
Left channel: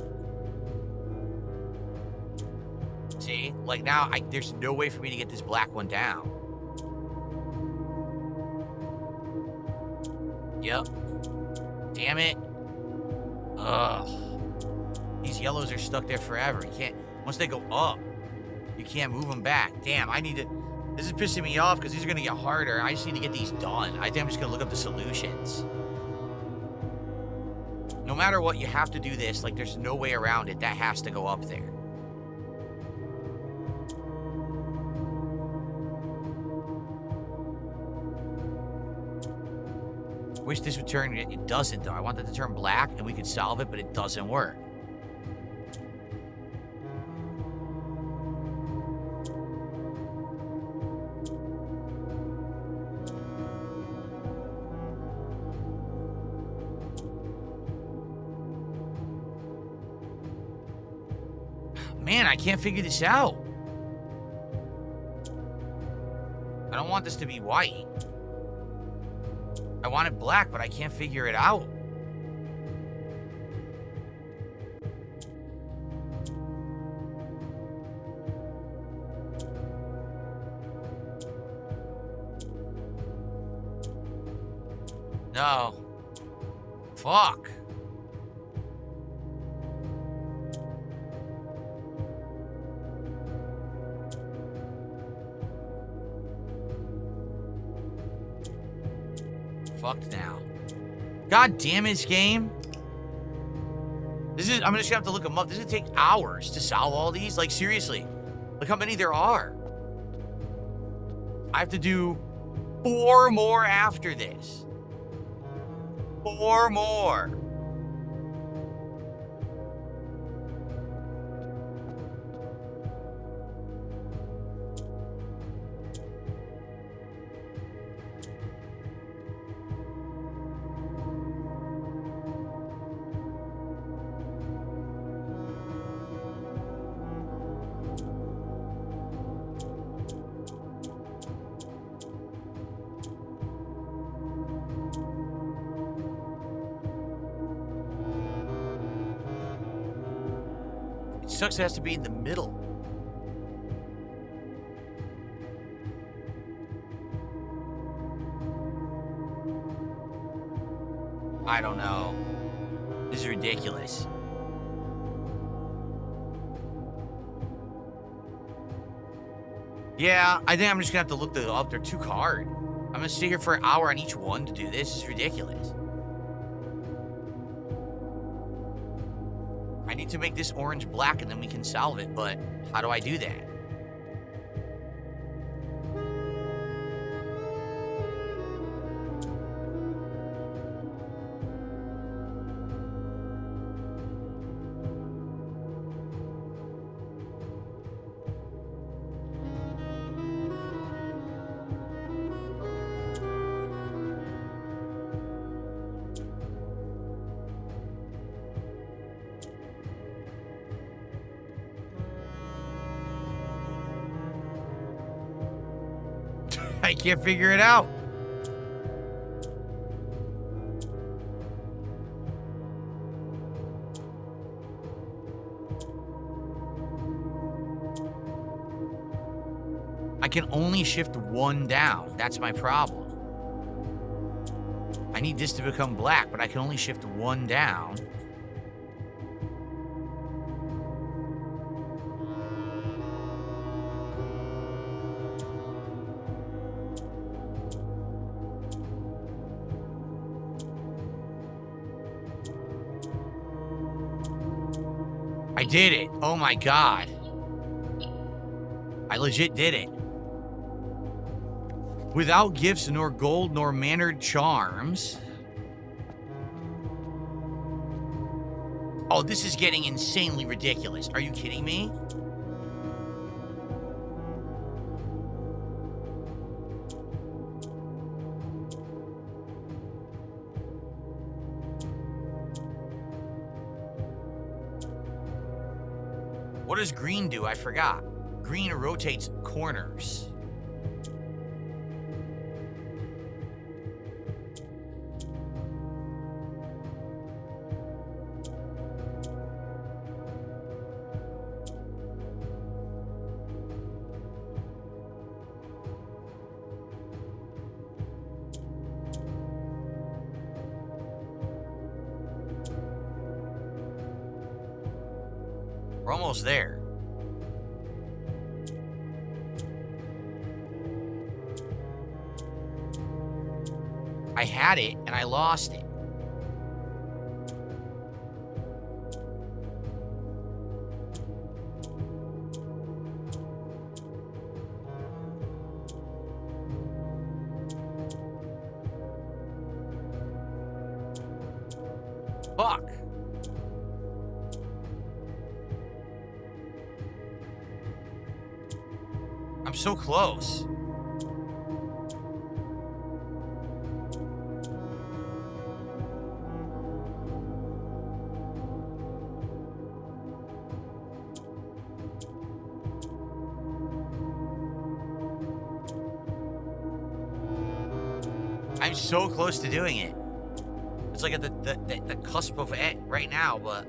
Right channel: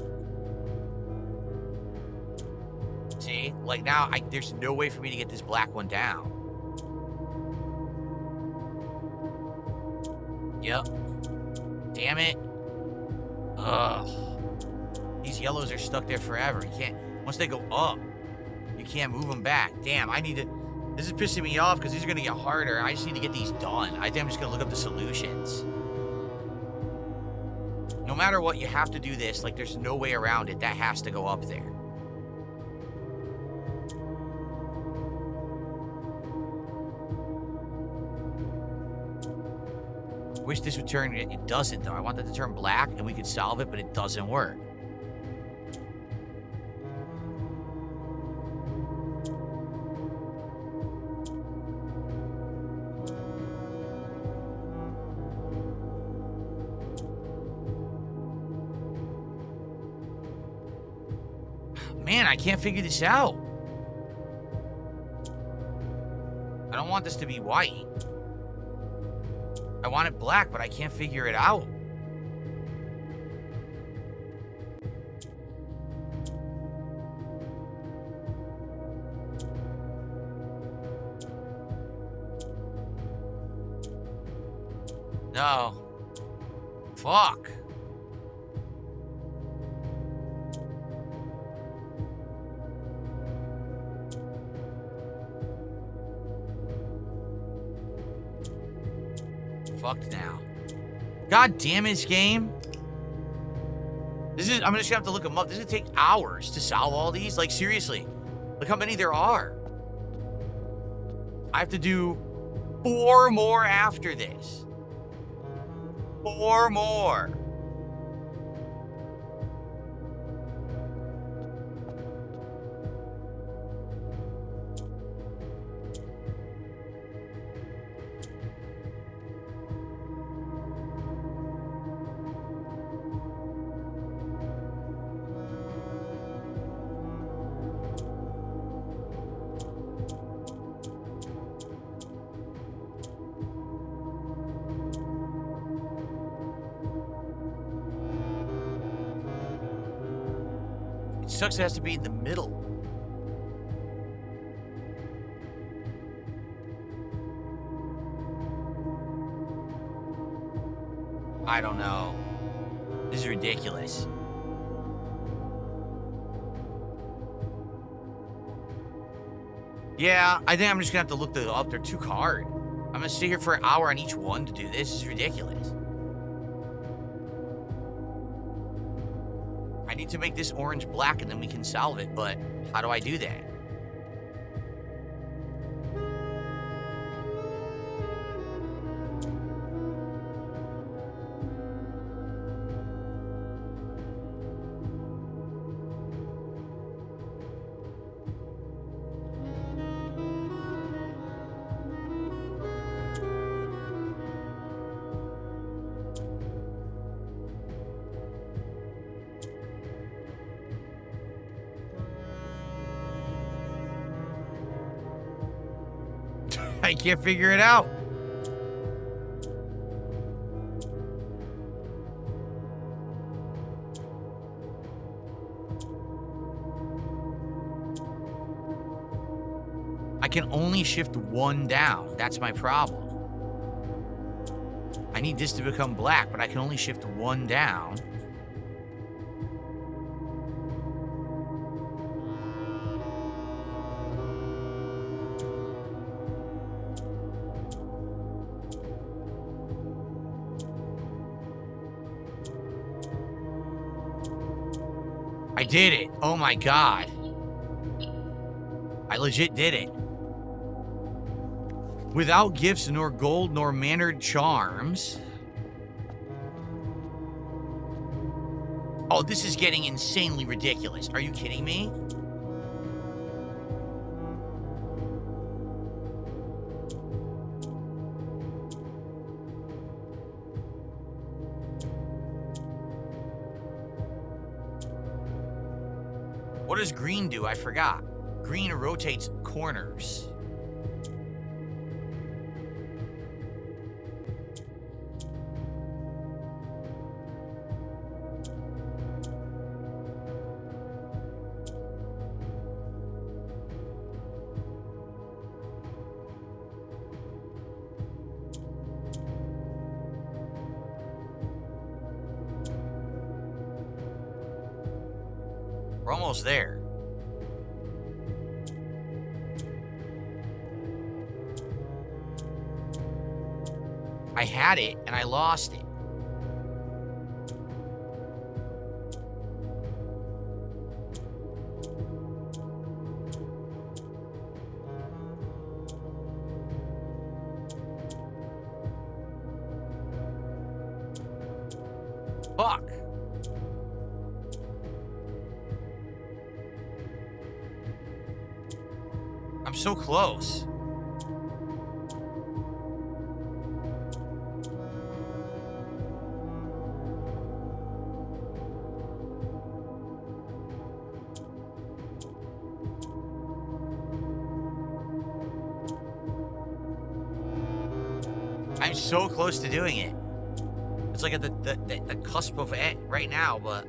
See? Like, now, there's no way for me to get this black one down. Yep. Damn it. Ugh. These yellows are stuck there forever. You can't... Once they go up, can't move them back. Damn, I need to... This is pissing me off because these are going to get harder. I just need to get these done. I think I'm just going to look up the solutions. No matter what, you have to do this. Like, there's no way around it. That has to go up there. Wish this would turn... It doesn't, though. I want that to turn black, and we could solve it, but it doesn't work. Man, I can't figure this out. I don't want this to be white. I want it black, but I can't figure it out. No. Fuck. Fucked now. God damn it, this game. This is... I'm just gonna have to look them up. This is gonna take hours to solve all these. Like, seriously. Look how many there are. I have to do 4 more after this. 4 more. Sucks it has to be in the middle. I don't know. This is ridiculous. Yeah, I think I'm just gonna have to look them up. They're too hard. I'm gonna sit here for an hour on each one to do this. This is ridiculous. I need to make this orange black and then we can solve it, but how do I do that? I can't figure it out. I can only shift 1 down. That's my problem. I need this to become black, but I can only shift 1 down. I did it. Oh my God. I legit did it. Without gifts, nor gold, nor mannered charms. Oh, this is getting insanely ridiculous. Are you kidding me? What does green do? I forgot. Green rotates corners. We're almost there. I had it and I lost it. Fuck. I'm so close. I'm so close to doing it. It's like at the cusp of it right now, but...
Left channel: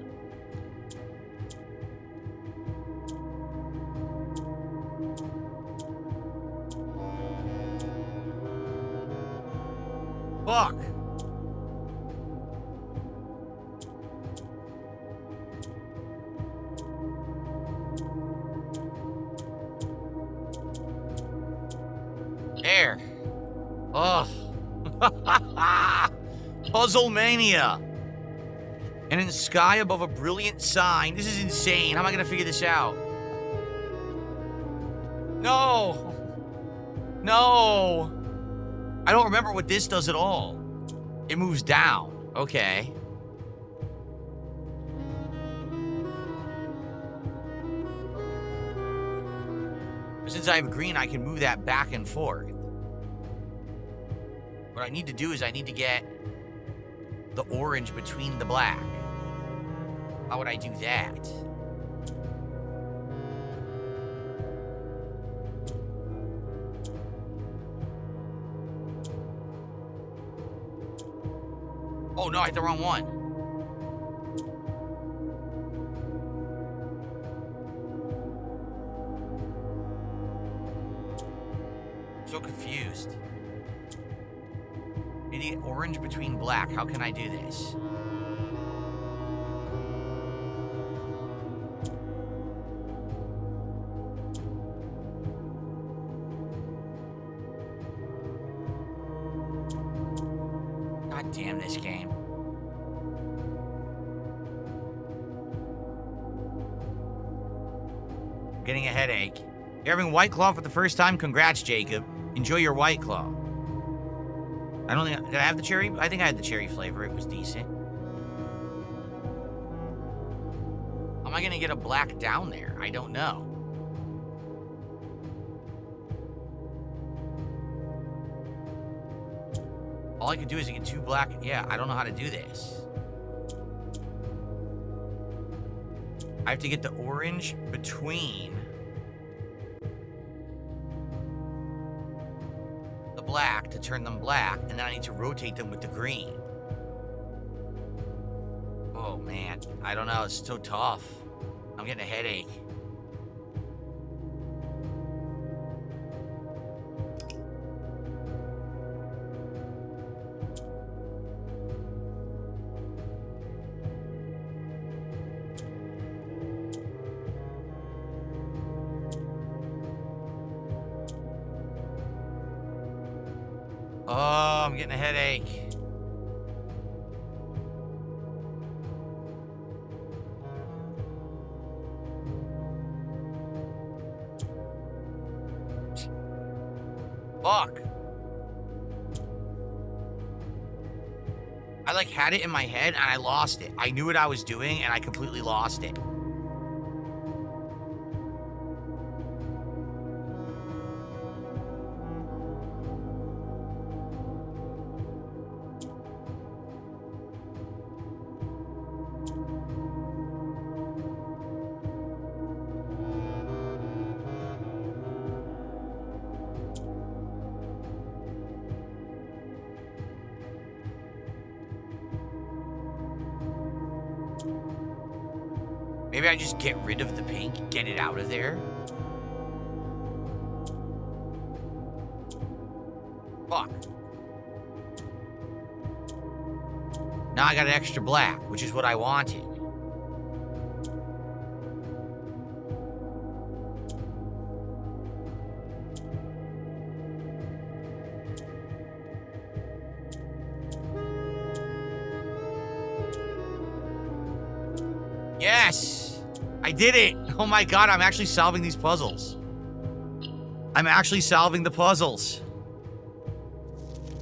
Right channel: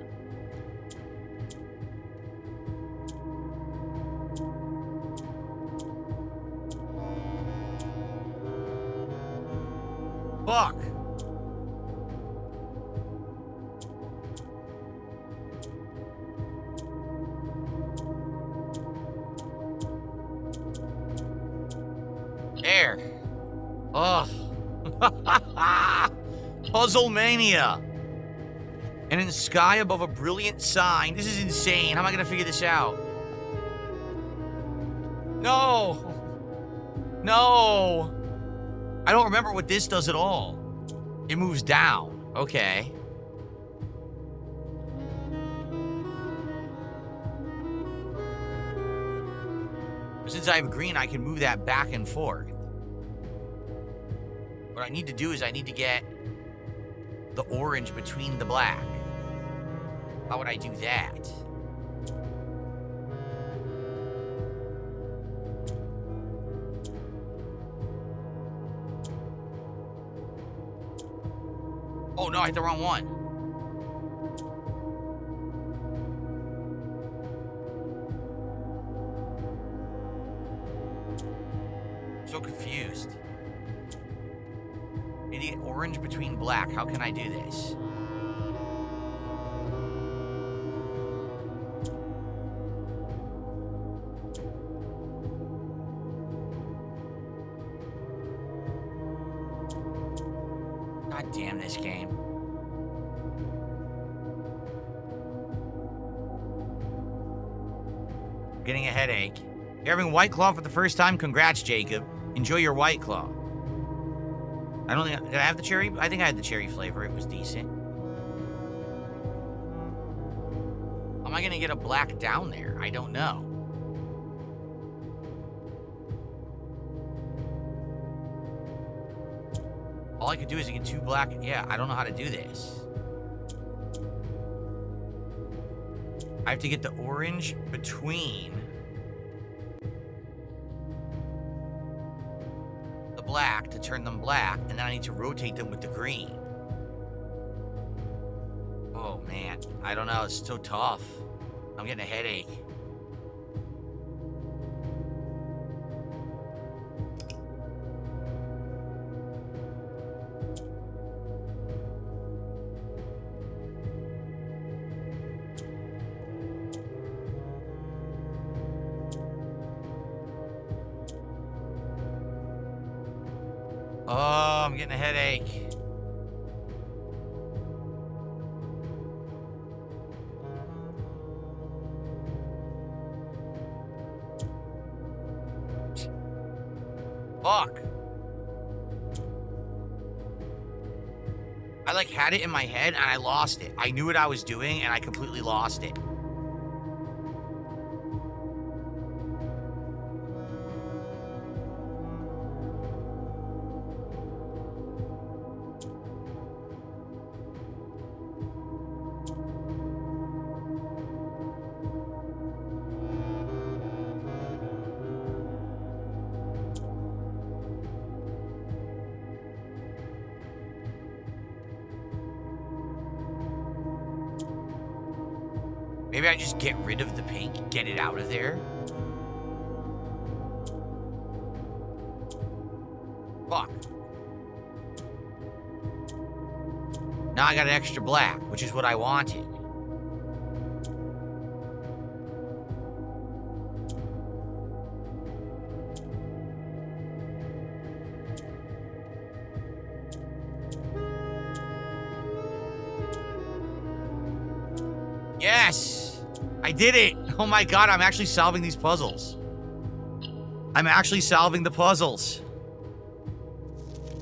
Fuck. There. Ugh. Puzzle Mania. And in the sky above a brilliant sign. This is insane. How am I going to figure this out? No. No. I don't remember what this does at all. It moves down. Okay. Since I have green, I can move that back and forth. What I need to do is I need to get the orange between the black. How would I do that? Oh no, I hit the wrong one. So confused. Need to get orange between black. How can I do this? God damn this game. I'm getting a headache. You're having White Claw for the first time? Congrats, Jacob. Enjoy your White Claw. I don't think... Did I have the cherry? I think I had the cherry flavor. It was decent. How am I going to get a black down there? I don't know. All I could do is get two black... Yeah, I don't know how to do this. I have to get the orange between... the black to turn them black, and then I need to rotate them with the green. Oh, man. I don't know. It's so tough. I'm getting a headache. Oh, I'm getting a headache. Fuck. I like had it in my head and I lost it. I knew what I was doing and I completely lost it. Maybe I just get rid of the pink, get it out of there. Fuck. Now I got an extra black, which is what I wanted. Yes! I did it! Oh my god, I'm actually solving these puzzles. I'm actually solving the puzzles.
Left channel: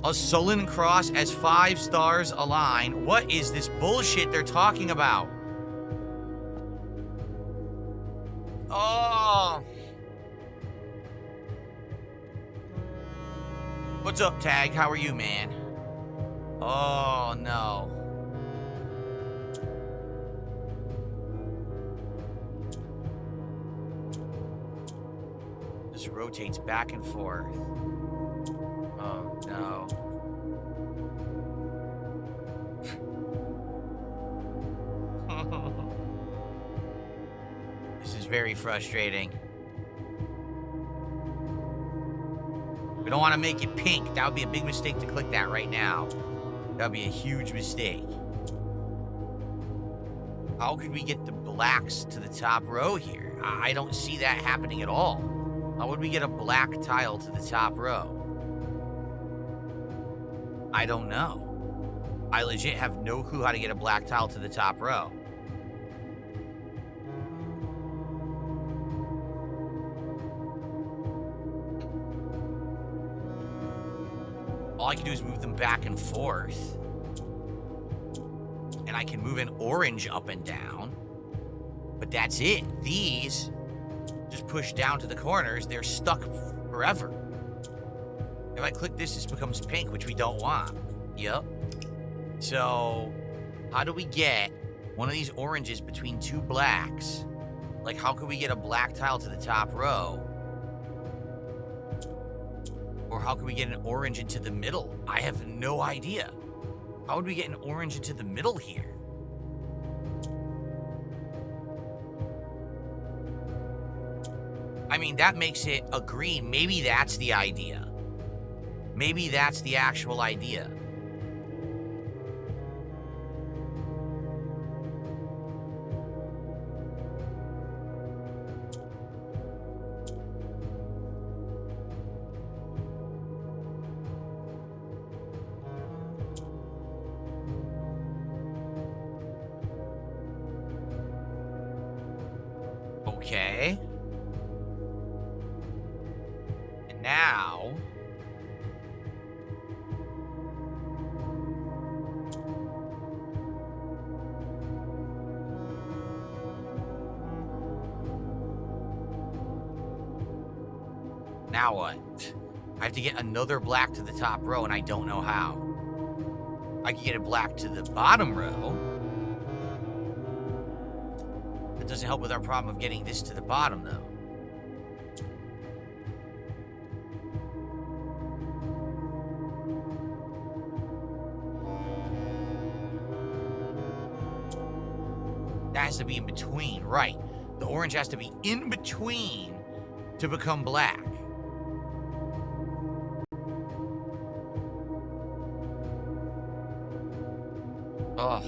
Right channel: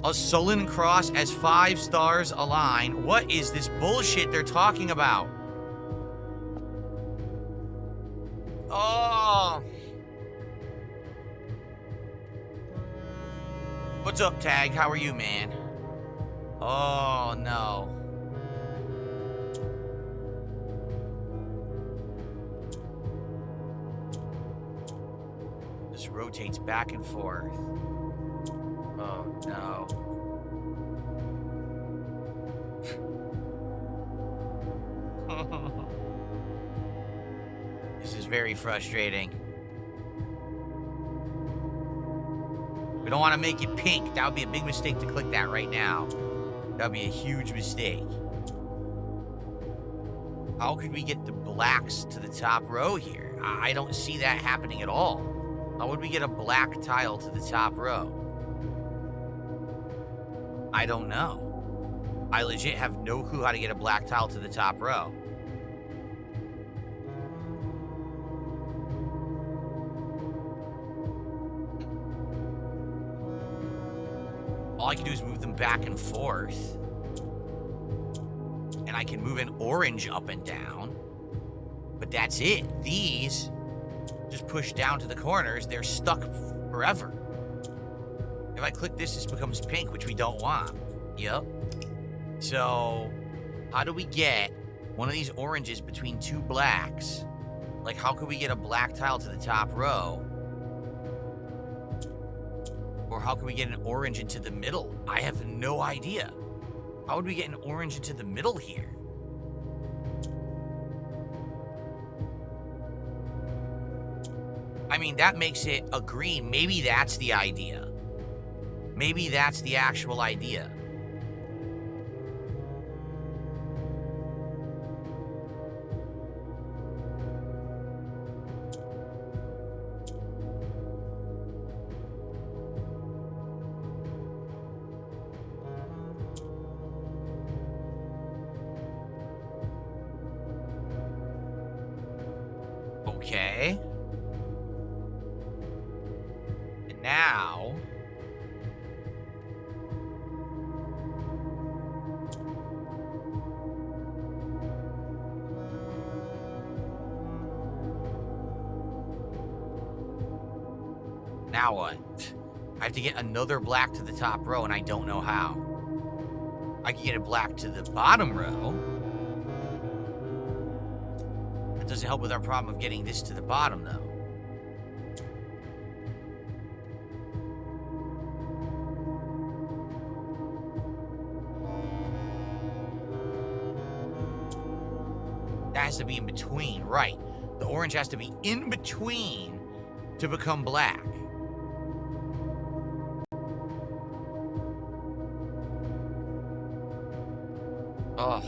A sullen cross as 5 stars align. What is this bullshit they're talking about? Oh. What's up, Tag? How are you, man? Oh, no. This rotates back and forth. Oh, no. This is very frustrating. We don't want to make it pink. That would be a big mistake to click that right now. That would be a huge mistake. How could we get the blacks to the top row here? I don't see that happening at all. How would we get a black tile to the top row? I don't know. I legit have no clue how to get a black tile to the top row. All I can do is move them back and forth. And I can move an orange up and down. But that's it. These just push down to the corners. They're stuck forever. If I click this becomes pink, which we don't want. Yep. So, how do we get one of these oranges between 2 blacks? Like, how could we get a black tile to the top row? Or how can we get an orange into the middle? I have no idea. How would we get an orange into the middle here? I mean, that makes it a green. Maybe that's the idea. Maybe that's the actual idea. Okay. And now... Now what? I have to get another black to the top row, and I don't know how. I can get a black to the bottom row. That doesn't help with our problem of getting this to the bottom, though. That has to be in between, right. The orange has to be in between to become black. Ugh.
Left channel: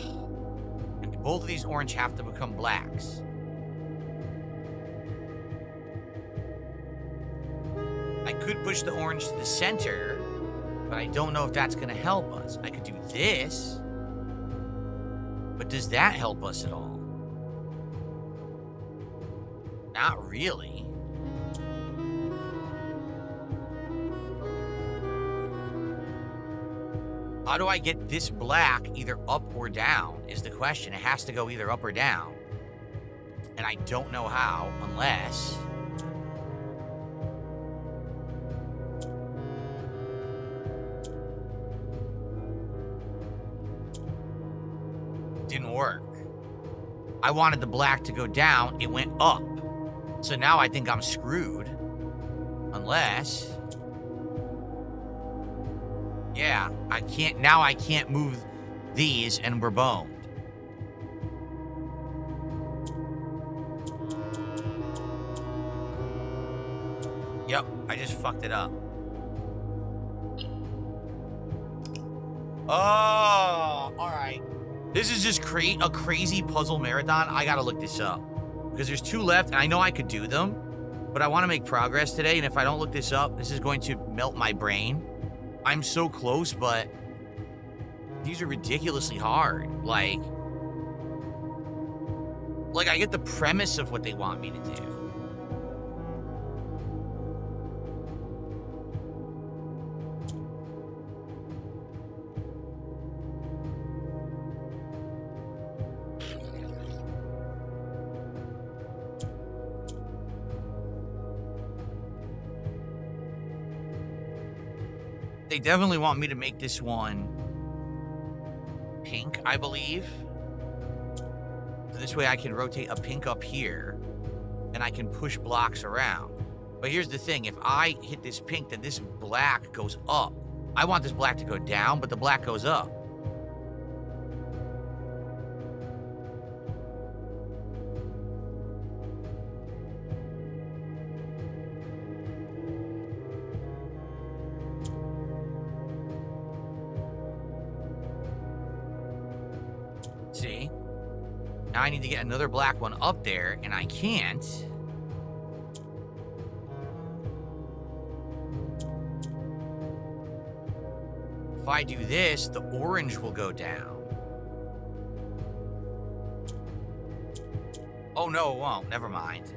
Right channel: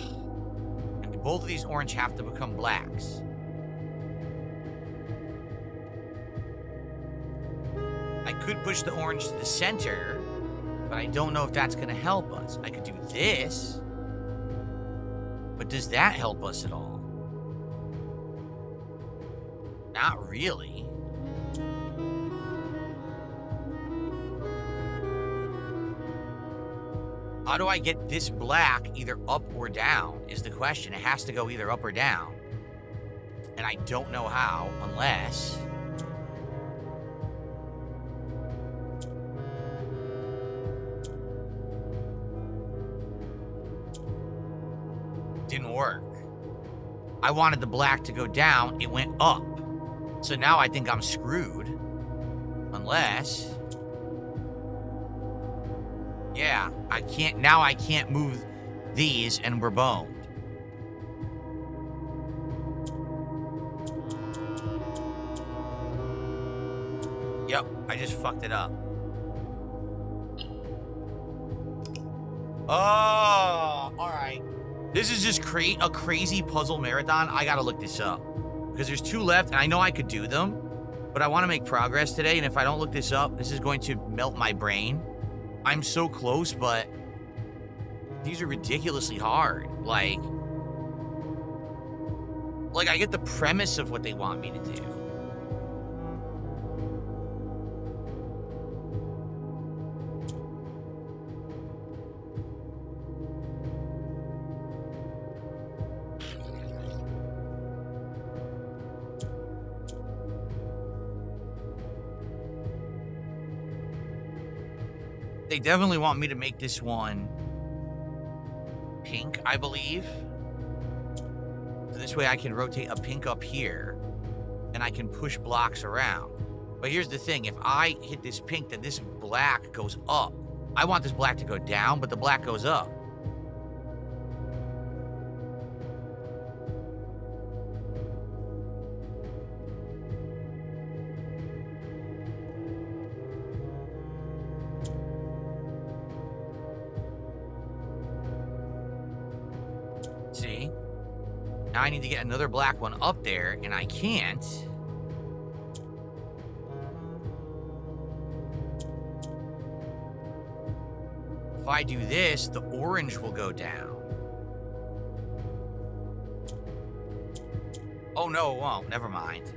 And both of these orange have to become blacks. I could push the orange to the center, but I don't know if that's going to help us. I could do this, but does that help us at all? Not really. How do I get this black either up or down is the question. It has to go either up or down. And I don't know how, unless... Didn't work. I wanted the black to go down. It went up. So now I think I'm screwed. Unless... Yeah, I can't... Now I can't move these, and we're boned. Yep, I just fucked it up. Oh, alright. This is just a crazy puzzle marathon. I gotta look this up. Because there's 2 left, and I know I could do them. But I want to make progress today, and if I don't look this up, this is going to melt my brain. I'm so close, but these are ridiculously hard. Like, Like, I get the premise of what they want me to do. They definitely want me to make this one pink, I believe. So this way I can rotate a pink up here, and I can push blocks around. But here's the thing. If I hit this pink, then this black goes up. I want this black to go down, but the black goes up. See? Now I need to get another black one up there, and I can't. If I do this, the orange will go down. Oh, no, it won't. Never mind.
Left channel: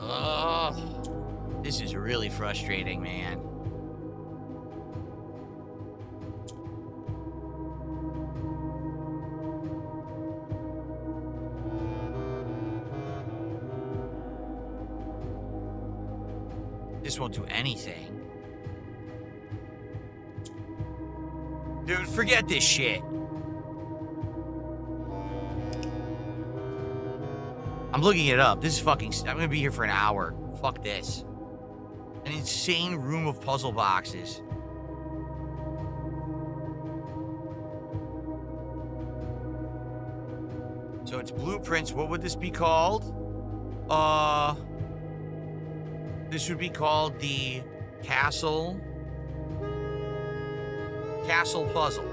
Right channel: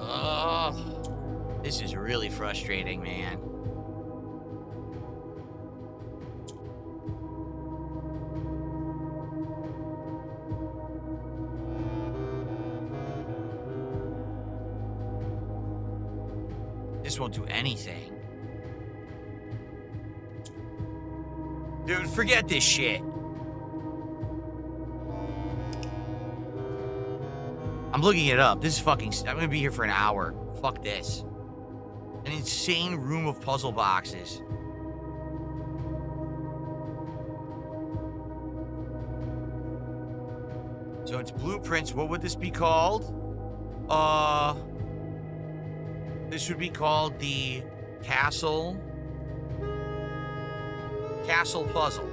Ugh. This is really frustrating, man. This won't do anything. Dude, forget this shit. I'm looking it up. This is fucking... I'm gonna be here for an hour. Fuck this. An insane room of puzzle boxes. So it's blueprints. What would this be called? This would be called the Castle Puzzle.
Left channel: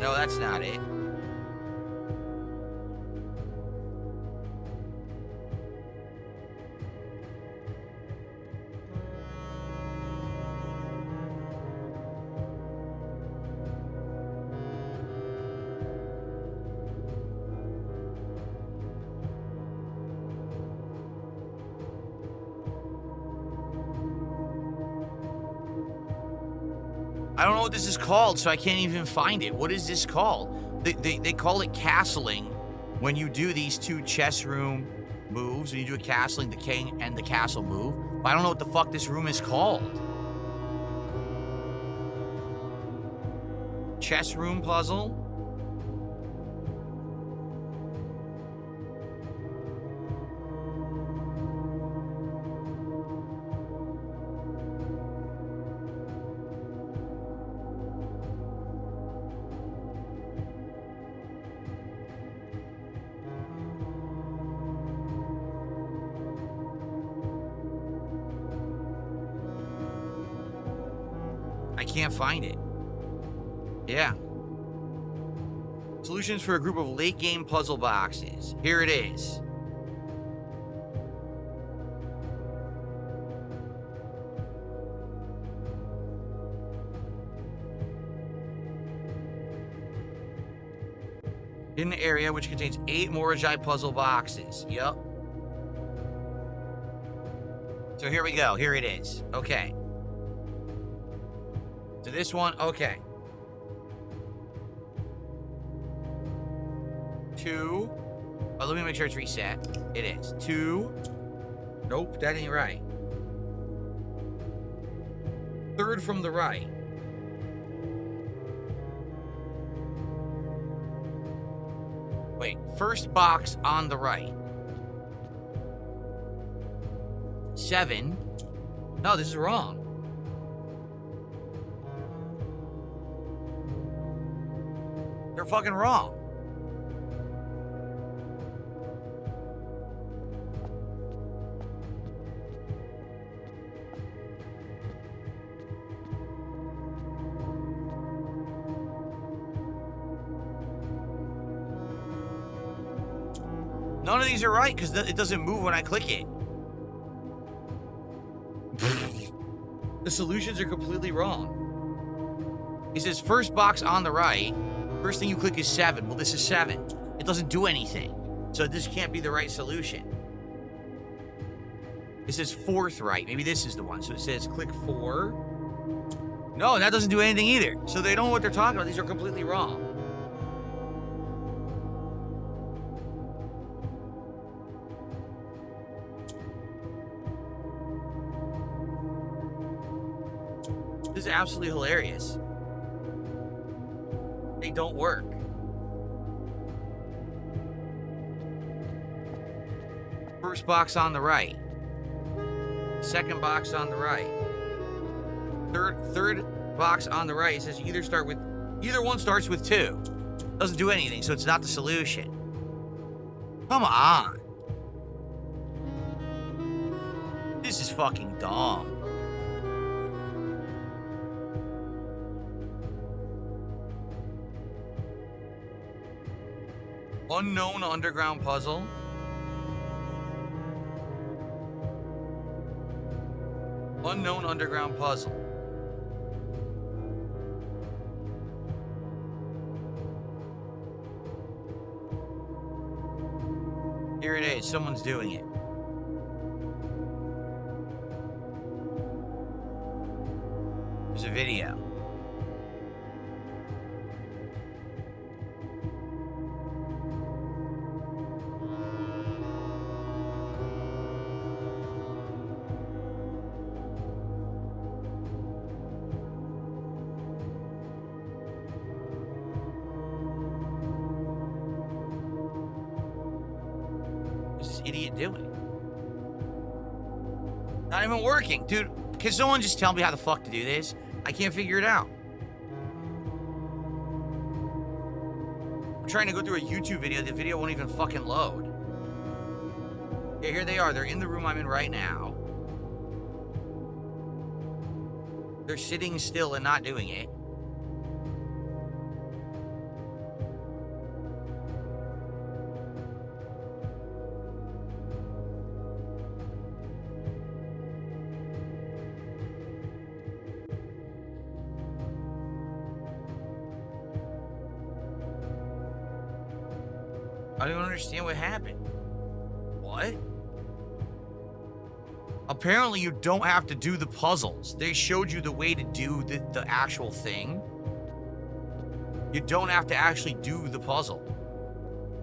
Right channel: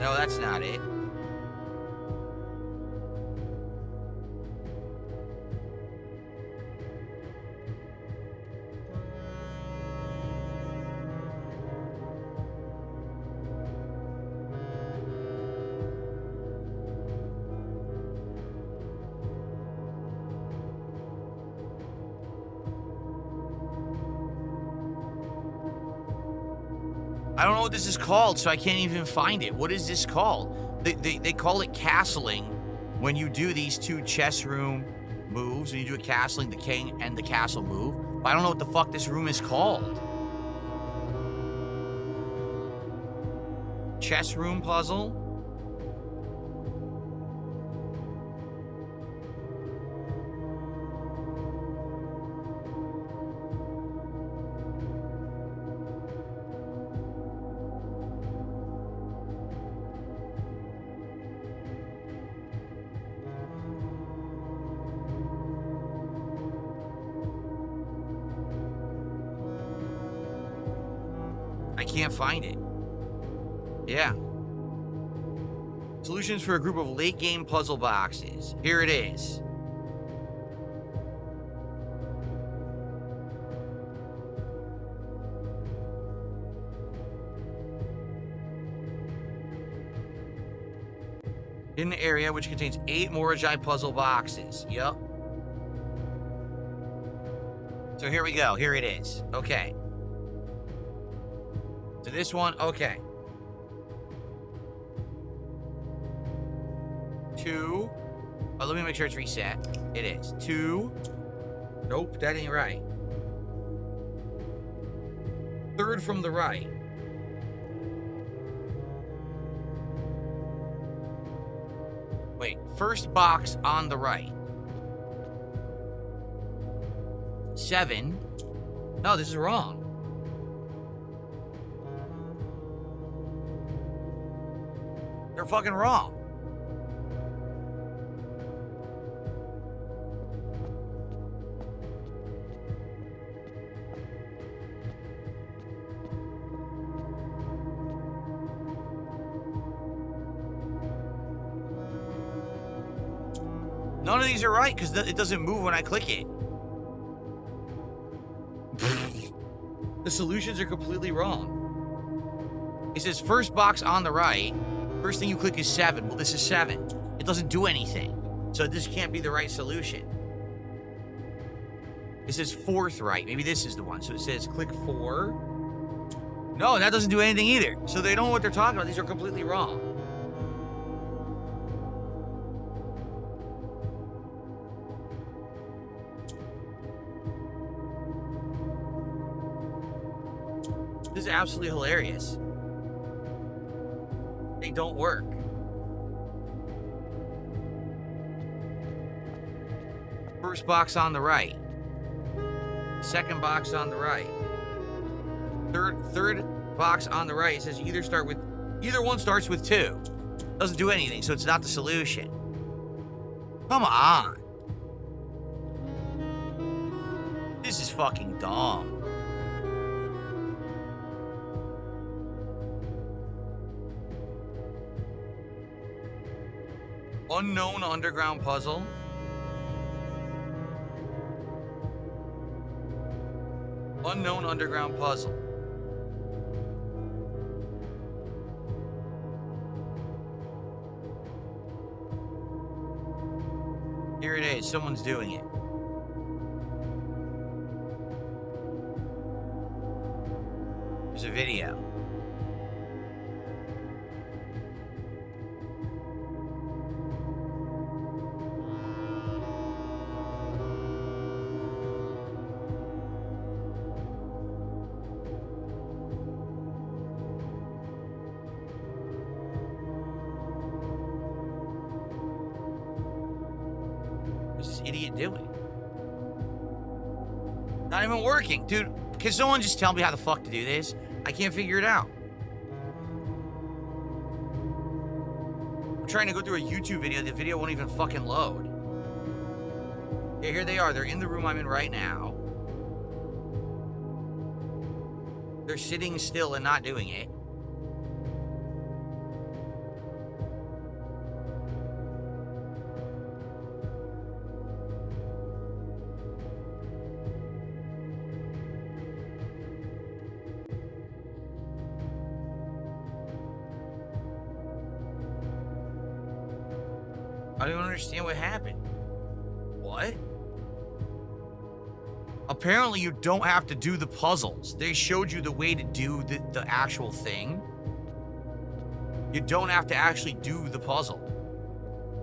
No, that's not it. I don't know what this is called, so I can't even find it. What is this called? They call it castling when you do these two chess room moves. When you do a castling, the king and the castle move. But I don't know what the fuck this room is called. Chess room puzzle? I can't find it. Yeah. Solutions for a group of late game puzzle boxes. Here it is. Hidden area which contains 8 Morajai puzzle boxes. Yep. So here we go. Here it is. Okay. So this one, okay. 2. Oh, let me make sure it's reset. It is. 2. Nope, that ain't right. 3rd from the right. Wait, first box on the right. 7. No, this is wrong. They're fucking wrong. None of these are right because it doesn't move when I click it. The solutions are completely wrong. It says first box on the right. First thing you click is 7. Well, this is 7. It doesn't do anything. So this can't be the right solution. It says fourth right. Maybe this is the one. So it says click 4. No, that doesn't do anything either. So they don't know what they're talking about. These are completely wrong. This is absolutely hilarious. They don't work. First box on the right. Second box on the right. Third box on the right. It says either one starts with 2. Doesn't do anything, so it's not the solution. Come on. This is fucking dumb. Unknown underground puzzle. Unknown underground puzzle. Here it is. Someone's doing it. There's a video. What's this idiot doing? Not even working. Dude, can someone just tell me how the fuck to do this? I can't figure it out. I'm trying to go through a YouTube video. The video won't even fucking load. Yeah, here they are. They're in the room I'm in right now. They're sitting still and not doing it. I don't even understand what happened. What? Apparently you don't have to do the puzzles. They showed you the way to do the actual thing. You don't have to actually do the puzzle.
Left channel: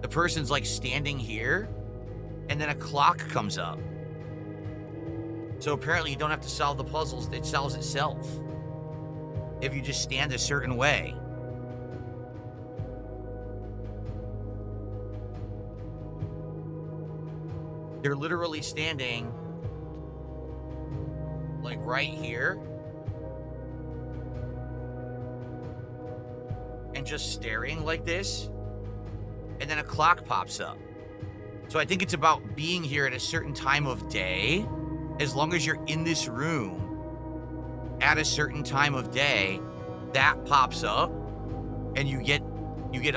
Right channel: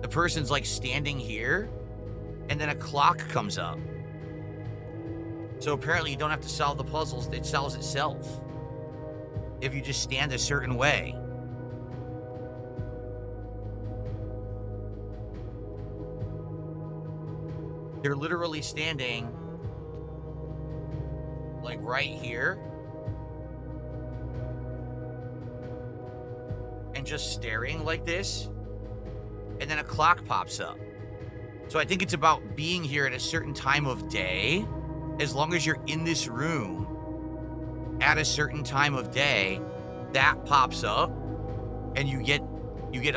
The person's like standing here, and then a clock comes up. So apparently you don't have to solve the puzzles. It solves itself. If you just stand a certain way. They're literally standing like right here and just staring like this, and then a clock pops up. So I think it's about being here at a certain time of day. As long as you're in this room at a certain time of day, that pops up and you get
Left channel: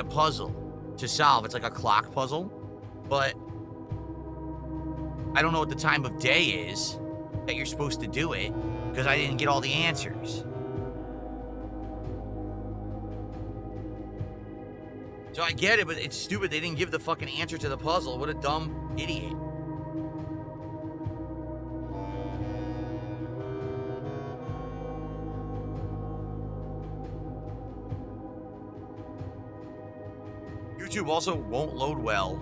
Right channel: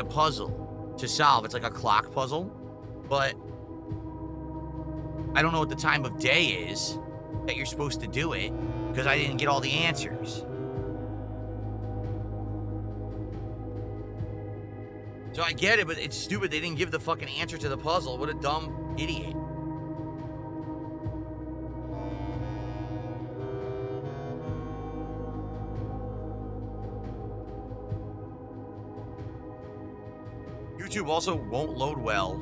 a puzzle to solve. It's like a clock puzzle, but I don't know what the time of day is that you're supposed to do it because I didn't get all the answers. So I get it, but it's stupid. They didn't give the fucking answer to the puzzle. What a dumb idiot. YouTube also won't load well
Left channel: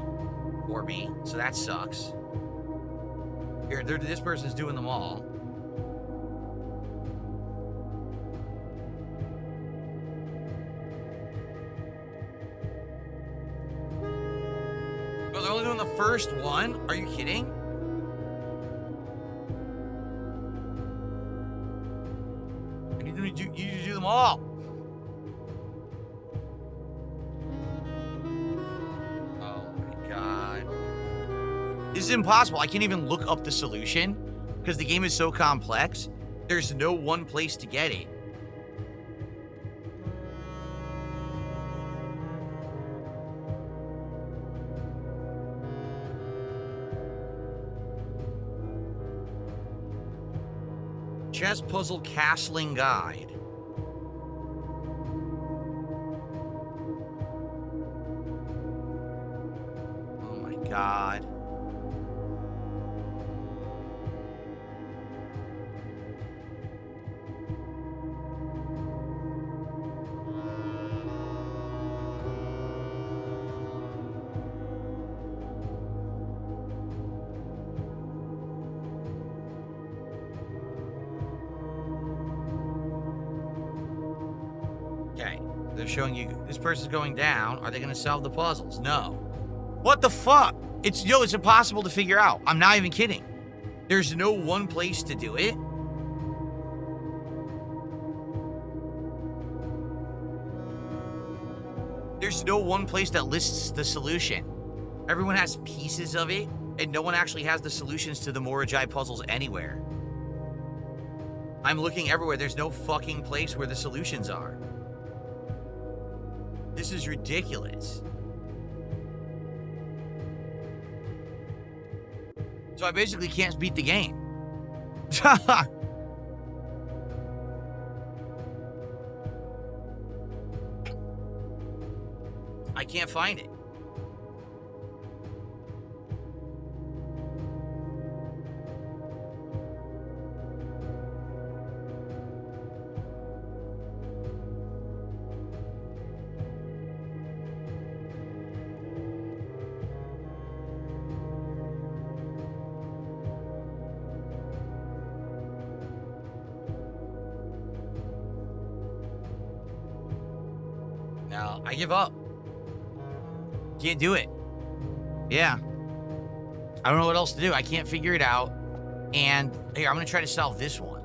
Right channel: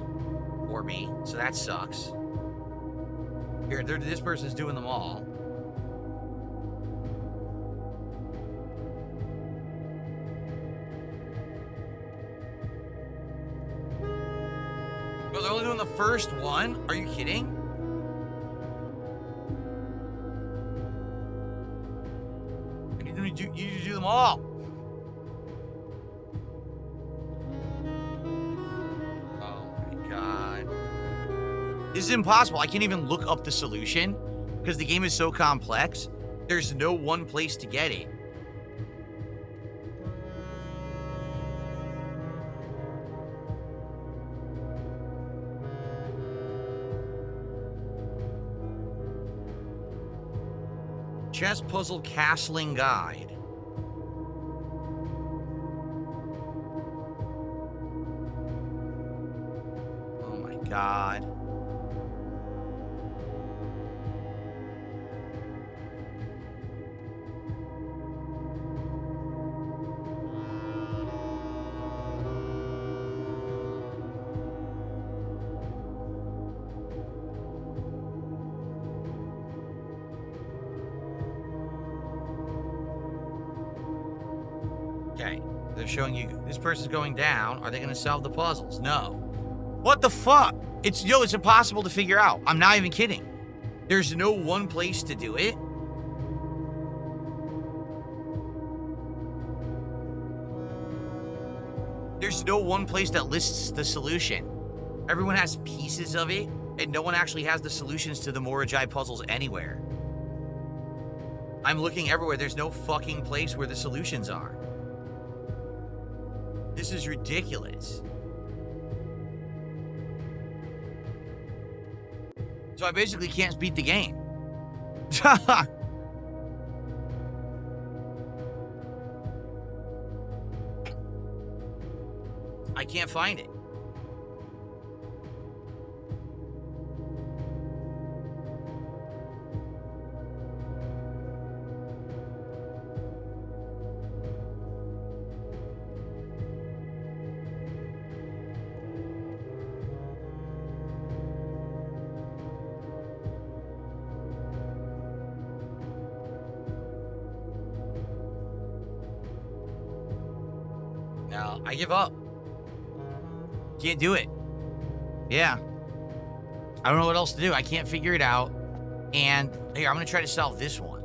for me, so that sucks. Here, this person's doing them all. Oh, they're only doing the first one? Are you kidding? You need to do them all. Oh my god. This is impossible. I can't even look up the solution because the game is so complex. There's no one place to get it. Chess puzzle castling guide. Oh my god. Okay, they're showing you this person's going down. Are they going to solve the puzzles? No. What the fuck? It's impossible to figure out. I'm not even kidding. There's no one place to do it. There's no one place that lists the solution. Everyone has pieces of it, and no one actually has the solutions to the Morajai puzzles anywhere. I'm looking everywhere. There's no fucking place where the solutions are. This is ridiculous. So I basically can't beat the game. I can't find it. No, I give up. Can't do it. Yeah. I don't know what else to do. I can't figure it out. And here, I'm going to try to solve this one.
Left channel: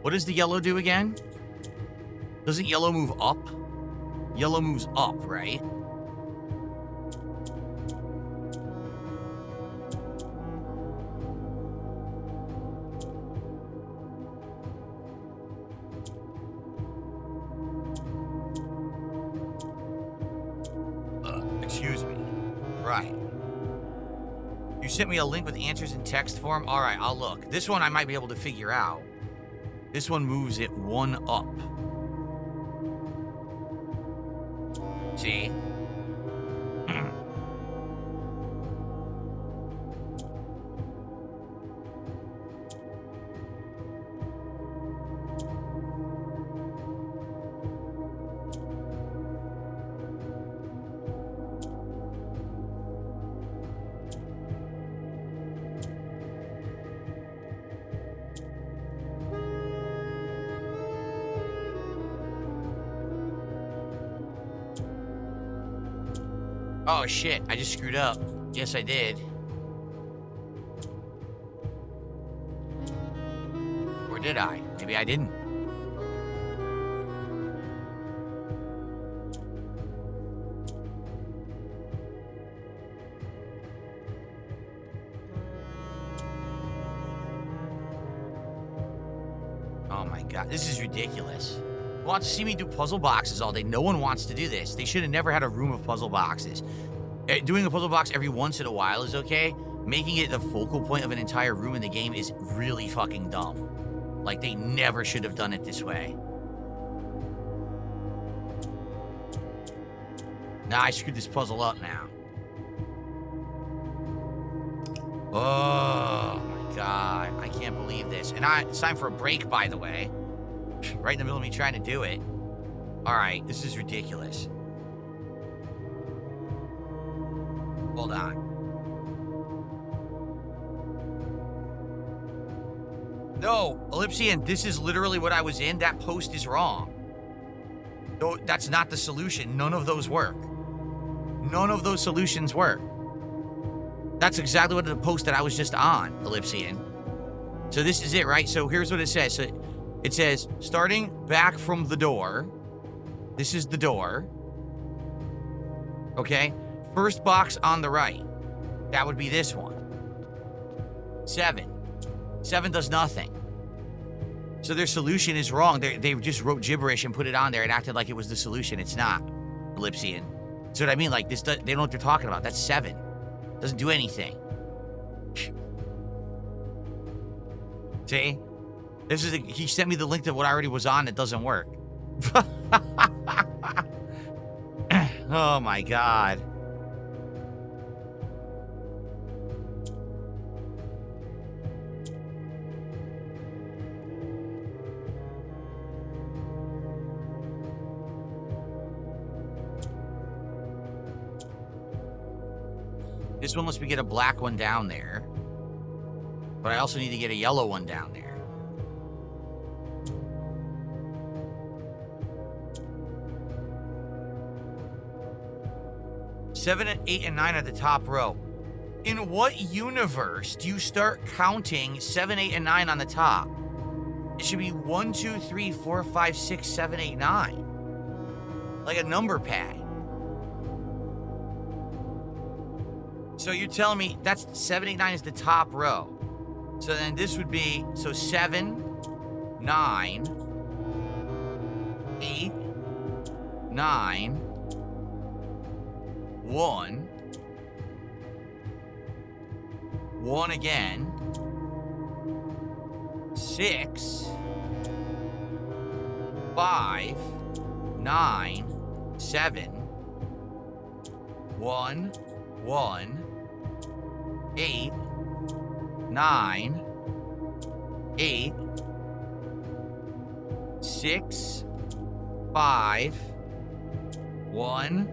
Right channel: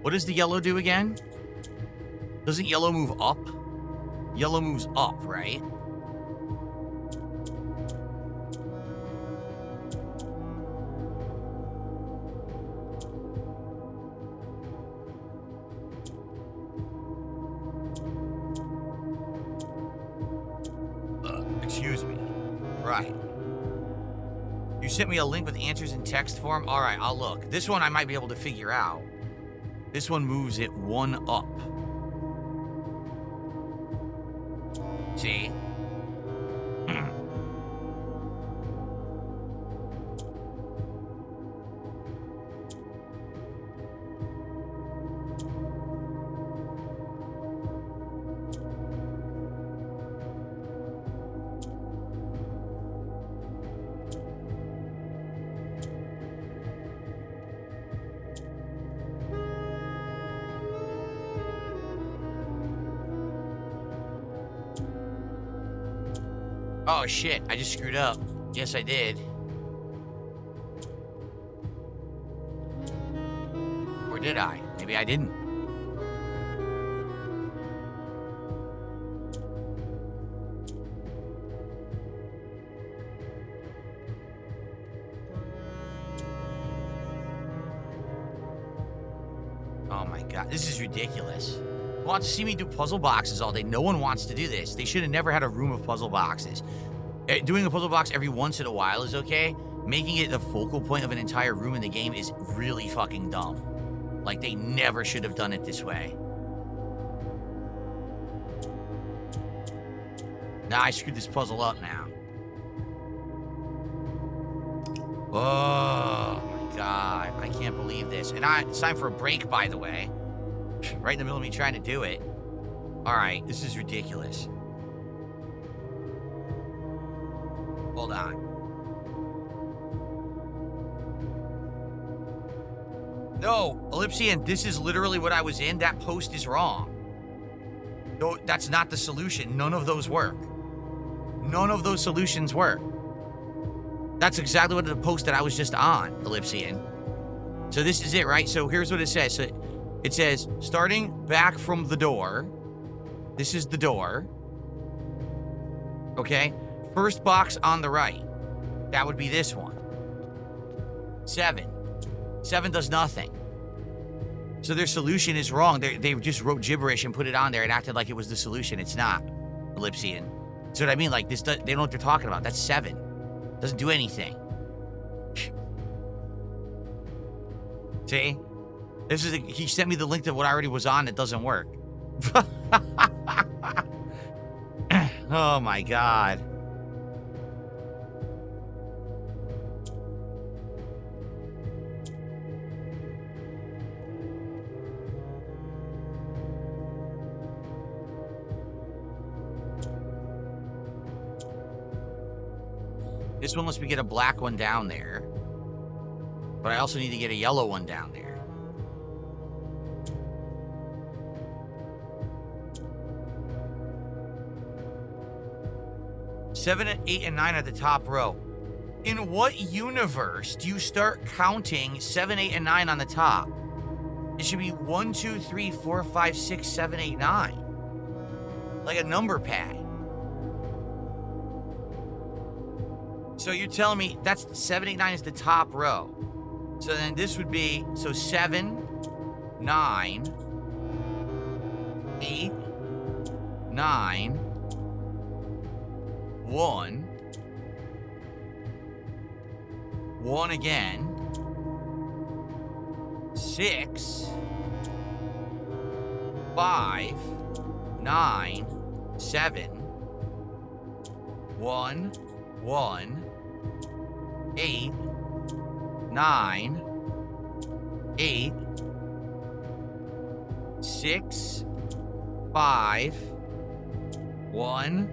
What does the yellow do again? Doesn't yellow move up? Yellow moves up, right? Excuse me. Right. You sent me a link with answers in text form? All right, I'll look. This one I might be able to figure out. This one moves it one up. See? Oh shit, I just screwed up. Yes, I did. Or did I? Maybe I didn't. Oh my god, this is ridiculous. You want to see me do puzzle boxes all day? No one wants to do this. They should have never had a room of puzzle boxes. Doing a puzzle box every once in a while is okay. Making it the focal point of an entire room in the game is really fucking dumb. Like, they never should have done it this way. Nah, I screwed this puzzle up now. Oh my god, I can't believe this. And it's time for a break, by the way. Right in the middle of me trying to do it. All right, this is ridiculous. Hold on. No, Ellipsian, this is literally what I was in. That post is wrong. No, that's not the solution. None of those work. None of those solutions work. That's exactly what the post that I was just on, Ellipsian. So this is it, right? So here's what it says. So it says, starting back from the door. This is the door. Okay? First box on the right. That would be this one. 7. 7 does nothing. So their solution is wrong. They just wrote gibberish and put it on there and acted like it was the solution. It's not, Ellipsian. See what I mean? Like, this, they don't know what they're talking about. That's 7. Doesn't do anything. See? He sent me the link to what I already was on that doesn't work. Oh my god. This one lets me get a black one down there. But I also need to get a yellow one down there. Seven, 8, and 9 at the top row. In what universe do you start counting 7, 8, and 9 on the top? It should be 1, 2, 3, 4, 5, 6, 7, 8, 9. Like a number pad. So you're telling me that's 7, 8, 9 is the top row. So then this would be, so 7, 9, 8, 9, 1, 1 again, 6, 5, 9, 7, 1, 1, 8, 9, 8, 6, 5, 1,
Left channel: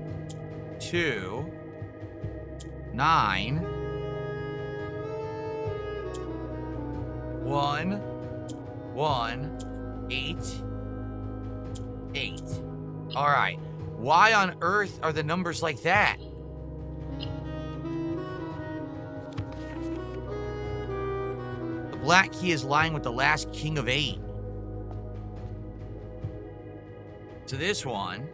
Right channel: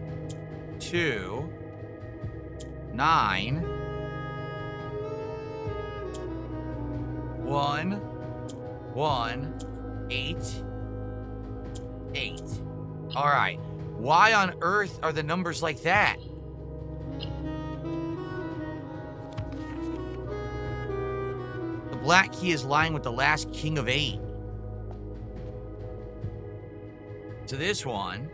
2, 9, 1, 1, 8, 8. All right. Why on earth are the numbers like that? The black key is lying with the last king of 8. So this one.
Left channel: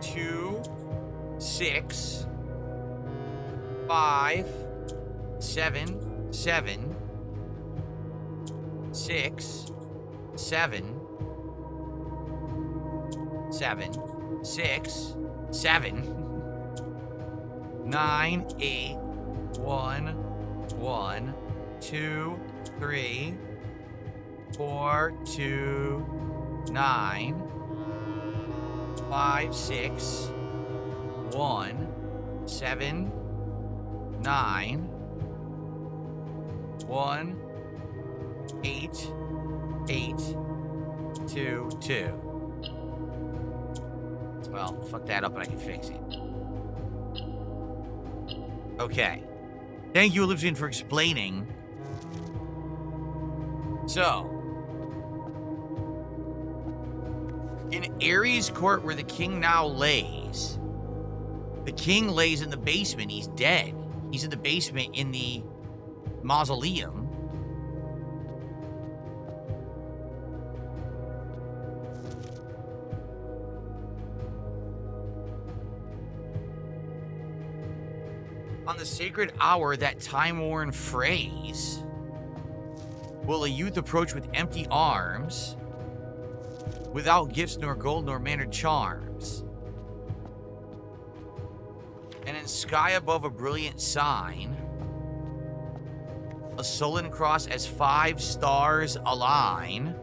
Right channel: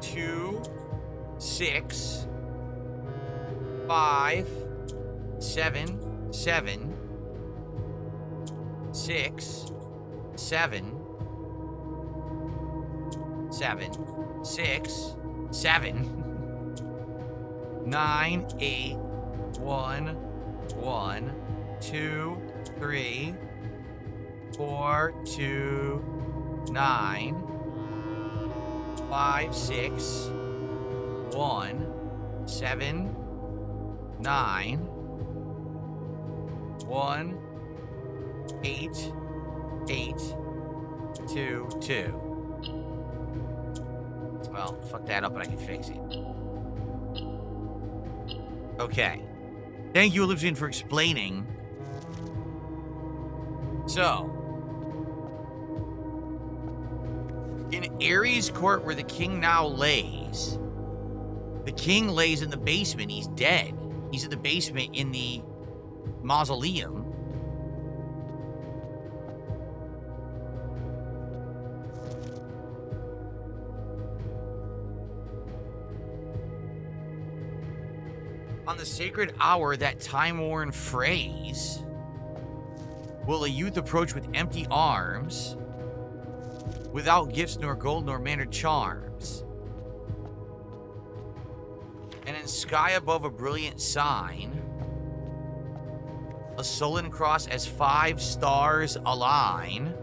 2, 6, 5, 7, 7, 6, 7, 7, 6, 7, 9, 8, 1, 1, 2, 3, 4, 2, 9, 5, 6, 1, 7, 9, 1, 8, 8, 2, 2. Well, fuck that up, but I can fix it. Okay. Thank you, Olivia, for explaining. So, in Ares Court, where the king now lays, the king lays in the basement. He's dead. He's in the basement in the mausoleum. On the sacred hour, that time-worn phrase, will a youth approach with empty arms, without gifts nor gold nor mannered charms. And in sky above a brilliant sign, a sullen cross as 5 stars align,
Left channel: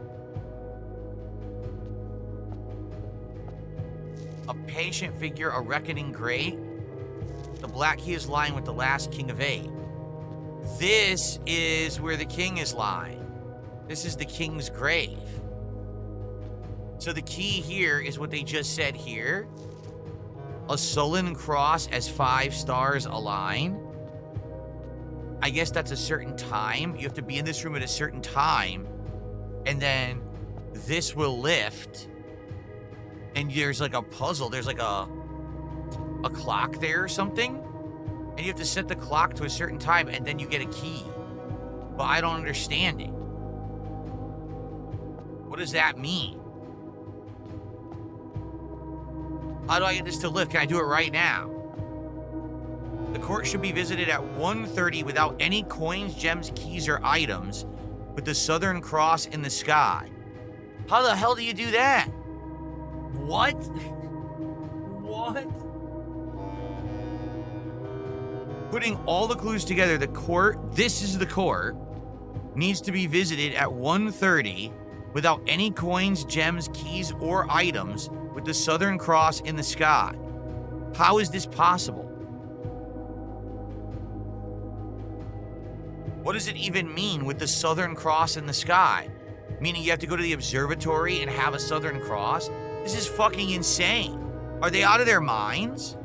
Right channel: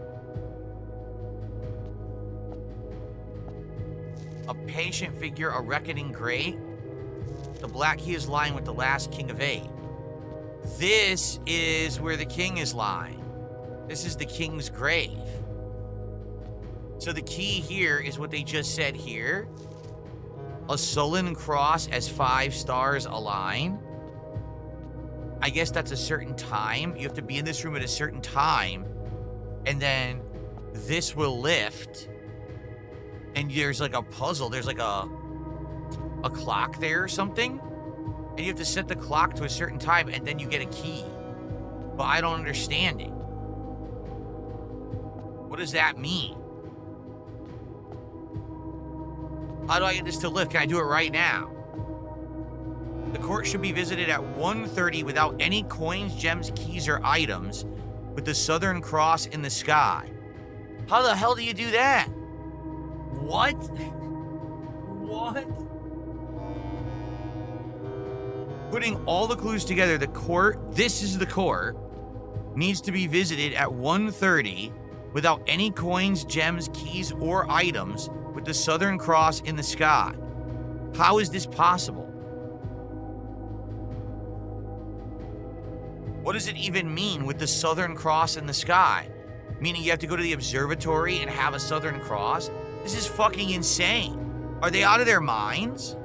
a patient figure, a reckoning great, the black key is lying with the last king of 8. This is where the king is lying. This is the king's grave. So the key here is what they just said here. A sullen cross as 5 stars align. I guess that's a certain time. You have to be in this room at a certain time. And then this will lift. And there's like a puzzle. There's like a clock there or something. And you have to set the clock to a certain time and then you get a key. But I don't understand it. What does that mean? How do I get this to lift? Can I do it right now? The court should be visited at 1:30 without any coins, gems, keys, or items, with the Southern Cross in the sky. How the hell do you do that? What? What? Putting all the clues together, the court, this is the court, needs to be visited at 1:30 without any coins, gems, keys, or items with the Southern Cross in the sky. How is this possible? What does it even mean with the Southern Cross in the sky? Meaning you have to go to the observatory and have a Southern Cross? This is fucking insane. Are they out of their minds?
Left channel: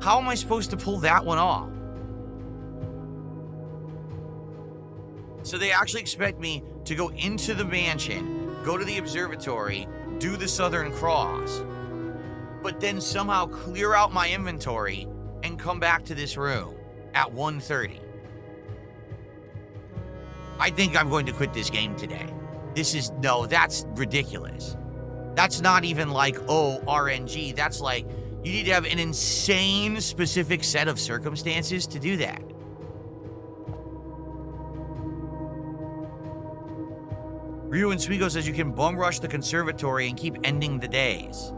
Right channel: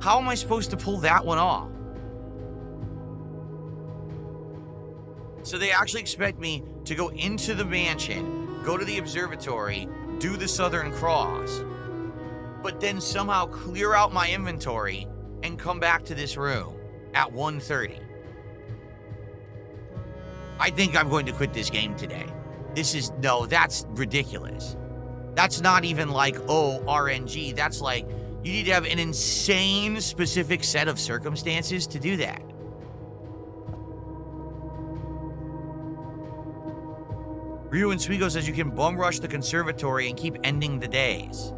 How am I supposed to pull that one off? So they actually expect me to go into the mansion, go to the observatory, do the Southern Cross, but then somehow clear out my inventory and come back to this room at 1:30. I think I'm going to quit this game today. That's ridiculous. That's not even like, oh, RNG. That's like, you need to have an insane specific set of circumstances to do that. Ryu and Swigo says you can bum rush the conservatory and keep ending the days.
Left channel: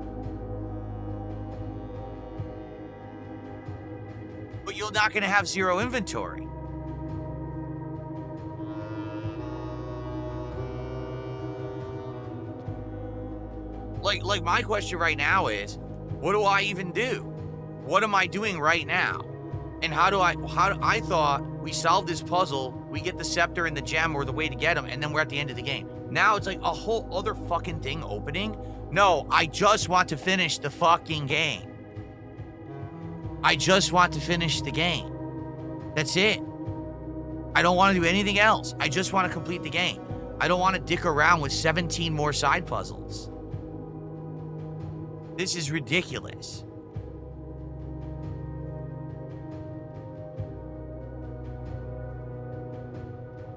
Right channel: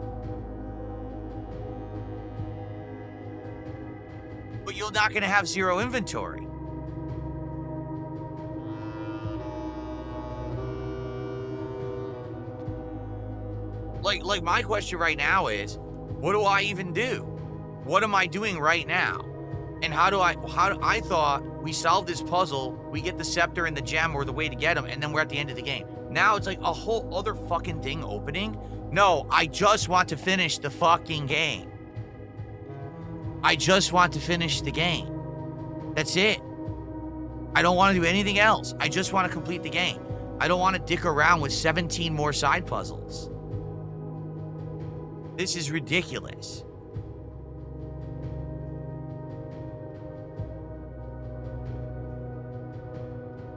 But you're not going to have zero inventory. Like my question right now is, what do I even do? What am I doing right now? And I thought we solved this puzzle, we get the scepter and the gem or the way to get them, and then we're at the end of the game. Now it's like a whole other fucking thing opening. No, I just want to finish the fucking game. I just want to finish the game. That's it. I don't want to do anything else. I just want to complete the game. I don't want to dick around with 17 more side puzzles. This is ridiculous.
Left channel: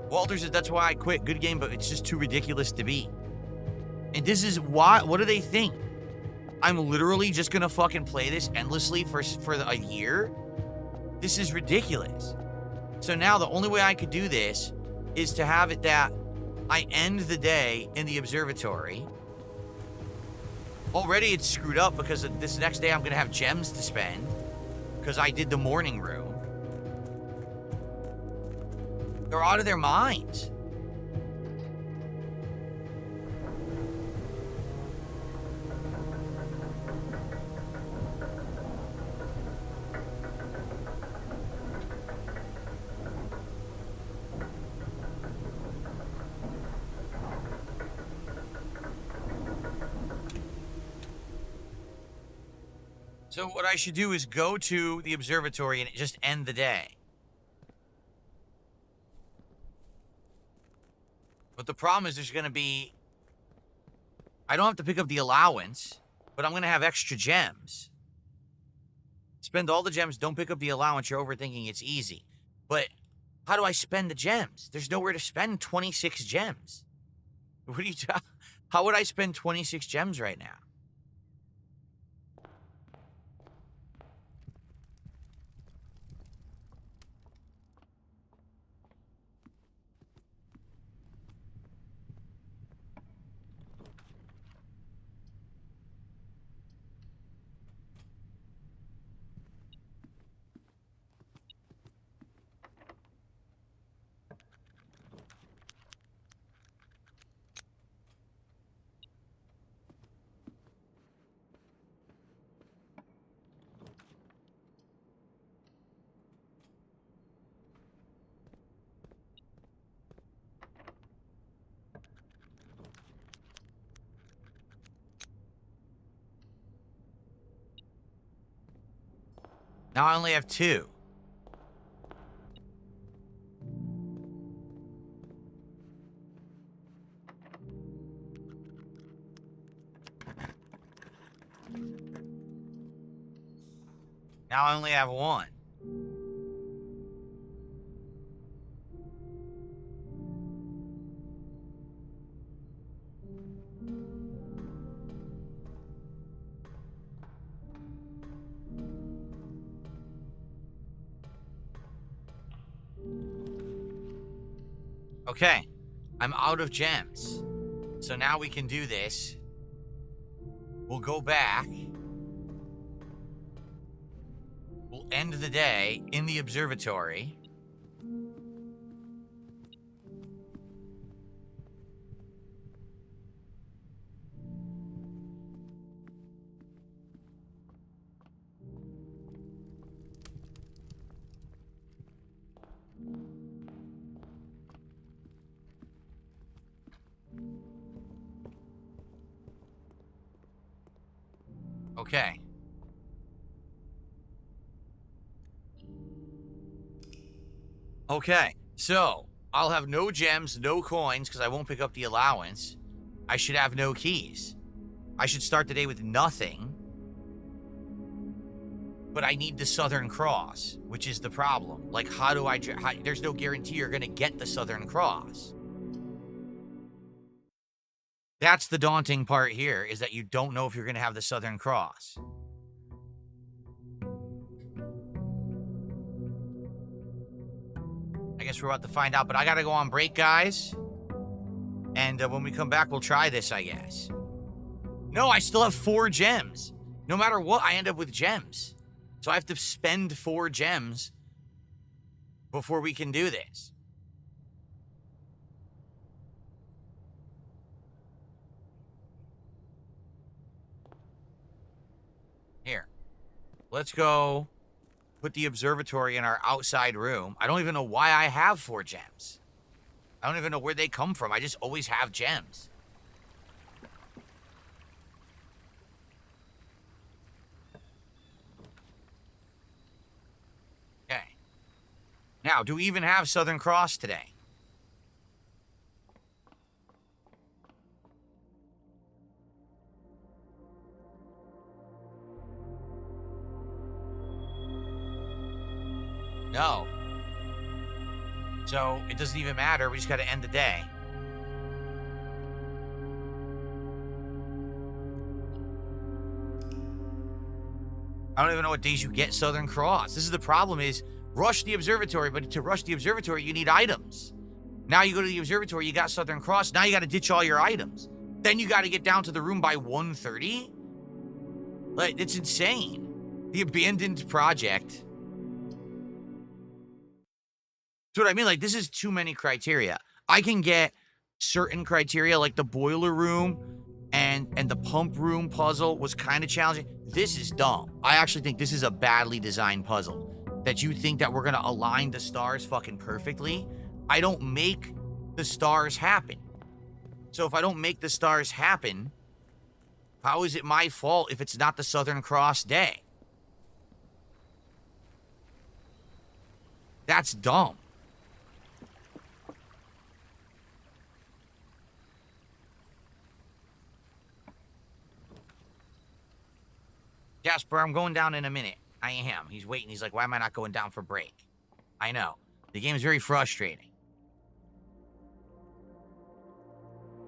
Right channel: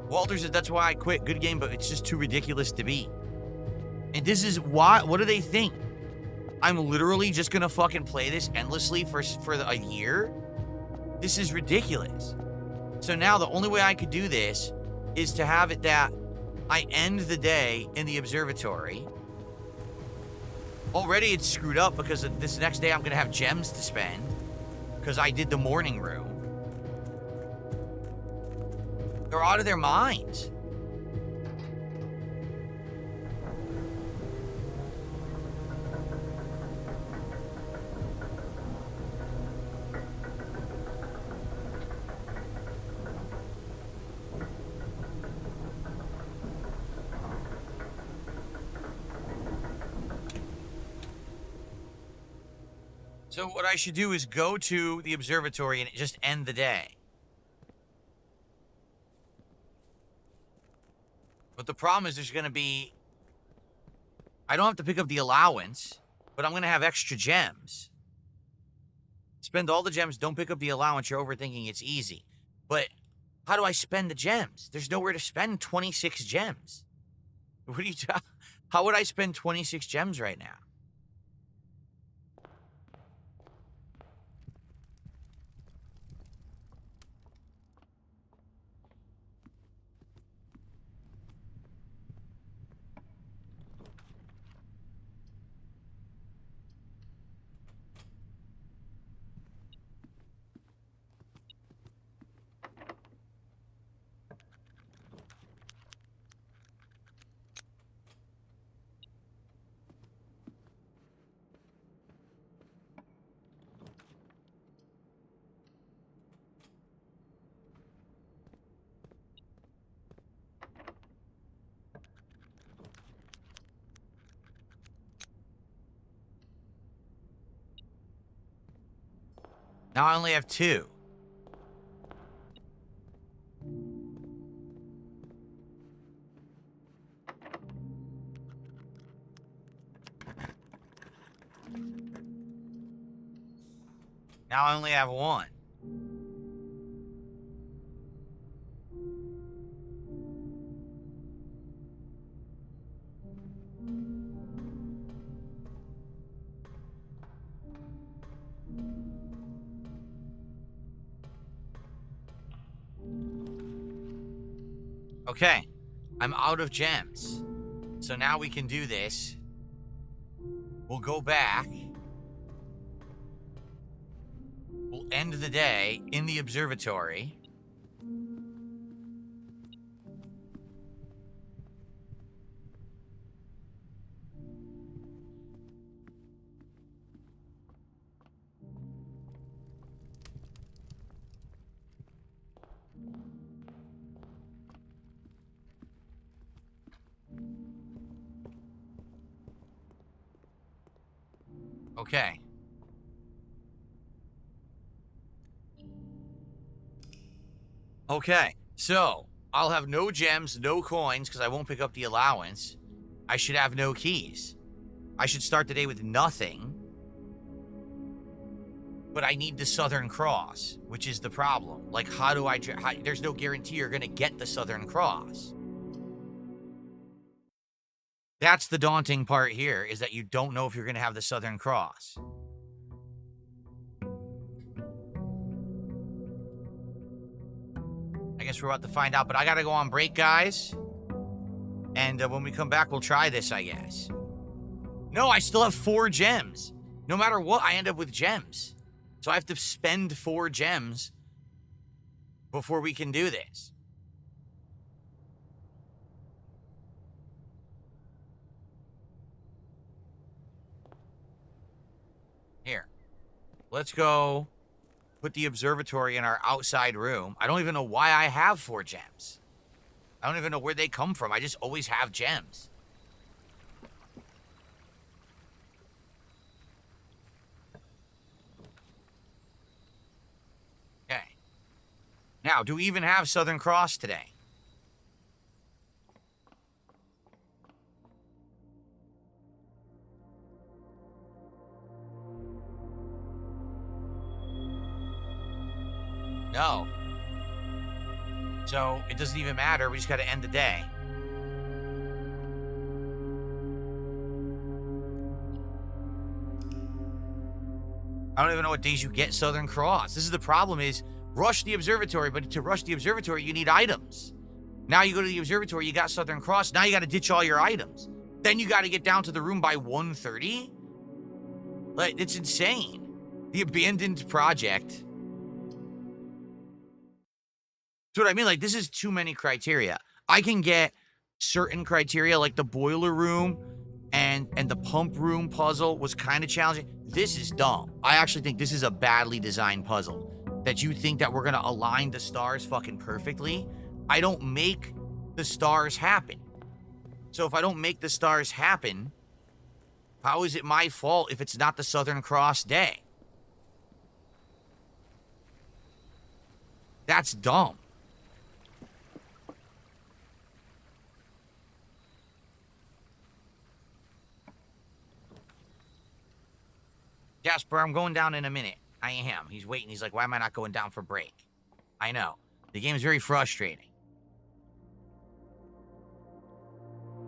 Walter says, that's why I quit. Good game, but it's just too ridiculous to beat. And this is why, what do they think? I'm literally just gonna fucking play this endlessly for a year? This is ridiculous. So now the only way I could do this is to have it that I end the day in the observatory. Already it's screwed up because this next day I'm gonna have gems to spend because I did the morning room. They're out of their minds. So what I should do is go to the observatory and just end the day. But the problem is there's going to be... I don't have to pick up the allowance, but I'm going to have extra gems. Spend all the gems, don't pick up the allowance, you're overthinking, it's easy. But how do I spend the gems? There's nowhere to spend 26 gems. What are you talking? How would I spend 26 gems right now? Now I only have 2. Now I only have 1. Okay, I'm out of gems. So now we can do this. We'll go back. We'll end the day in the observatory. Okay. Okay, so I'll have no gems, no coins, because I won't pick up the allowance. I should have no keys. I should start the day with nothing. But I need the Southern Cross, which is the problem. Like, how do I... there's no guarantee you're going to get the Southern Cross. That's the daunting part here, is that you don't know if you're going to have the Southern Cross. I guess we're about to find out, but I got to go on break, guys. And when we come back, we'll try this, I guess. No, I still have 4 gems. No matter what, I end up with gems. So I have to spend 4 gems before we can do this. Here. Let's go put the observatory in our outside room. I don't even know why I have 4 gems. I don't even know where they come from. I just always have gems. Okay. Now, do we even have Southern Cross today? No. So, it doesn't even matter. We just gotta end the day. I don't even know what days you get Southern Cross. This is the problem is, rush the observatory, but to rush the observatory, you need items. Now you go to the observatory, you got Southern Cross, now you gotta ditch all your items. Then you gotta get down to the room by 1:30? Like, it's insane. The abandoned project. That's what I mean, like, this is too many criteria. I can get certain criteria, like the boiler room and the pump room puzzle was kind of challenging. This is dumb. I actually think this is a badly designed puzzle. That you think that we're gonna align the stars fucking perfectly. I don't make the stars happen. So if I don't make the stars happen, how is it my fault if it's not the Southern Cross day? That's dumb. Jasper, I'm going down in a minute. I am. He's waiting. He's like, why am I not going down for break? I know. The game is very frustrating.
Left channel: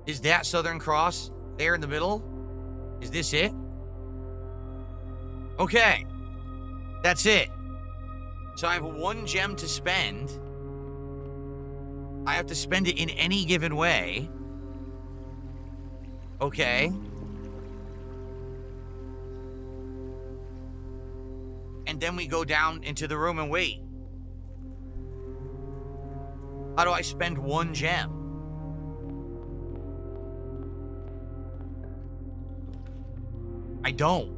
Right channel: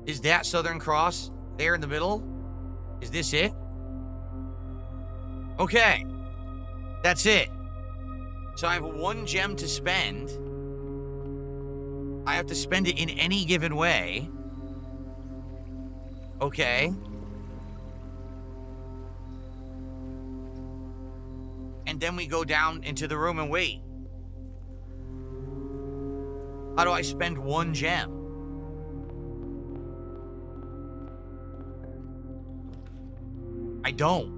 Is that Southern Cross there in the middle? Is this it? Okay. That's it. So I have 1 gem to spend. I have to spend it in any given way. Okay. And then we go down into the room and wait. How do I spend 1 gem? I don't.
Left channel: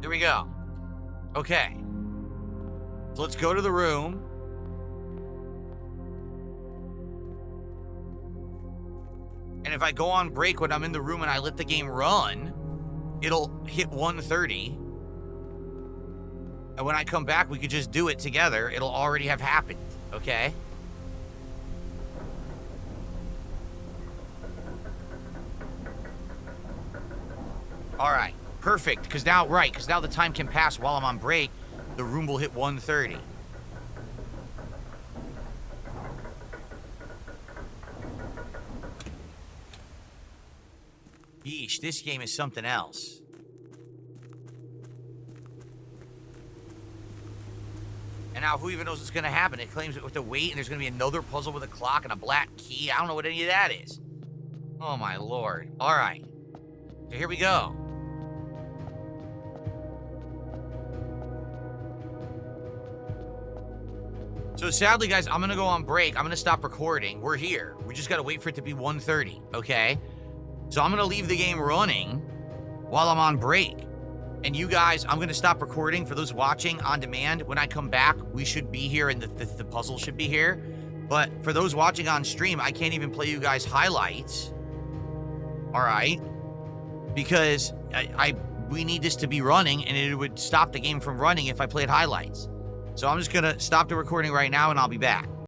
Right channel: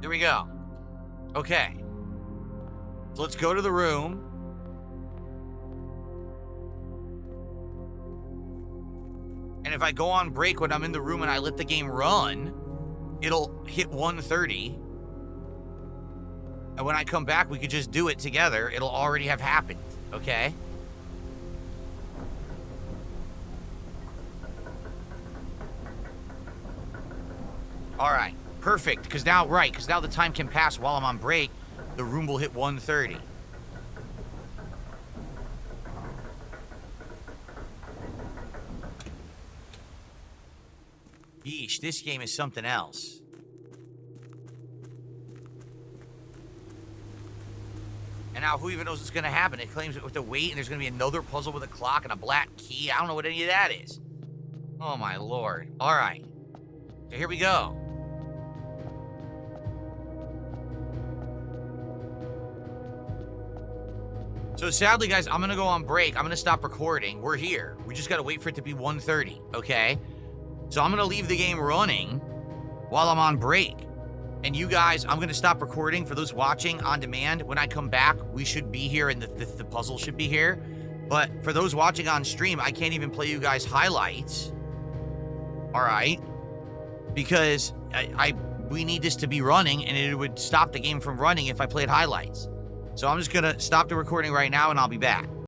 There we go. Okay. So let's go to the room. And if I go on break when I'm in the room and I let the game run, it'll hit 1:30. And when I come back, we could just do it together. It'll already have happened, okay? All right, perfect. Because now the time can pass while I'm on break. The room will hit 1:30. Yeesh, this game is something else. And now, who even knows what's going to happen? It claims we have to wait, and there's going to be another puzzle with a clock and a black key. I don't know what any of that is. Oh, my Lord. All right. So here we go. So sadly, guys, I'm going to go on break. I'm going to stop recording. We're here. We just got to wait for it to be 1:30, okay? So I'm going to leave the game running while I'm on break. And you guys, I'm going to stop recording. For those watching on demand, when I come back, we should be here and the puzzle should be here. But for those watching on stream, I can't even play you guys highlights. All right? Because we need this to be running, and it would stop the game from running if I played highlights. So I'm just going to stop the recording right now, and I'll be back.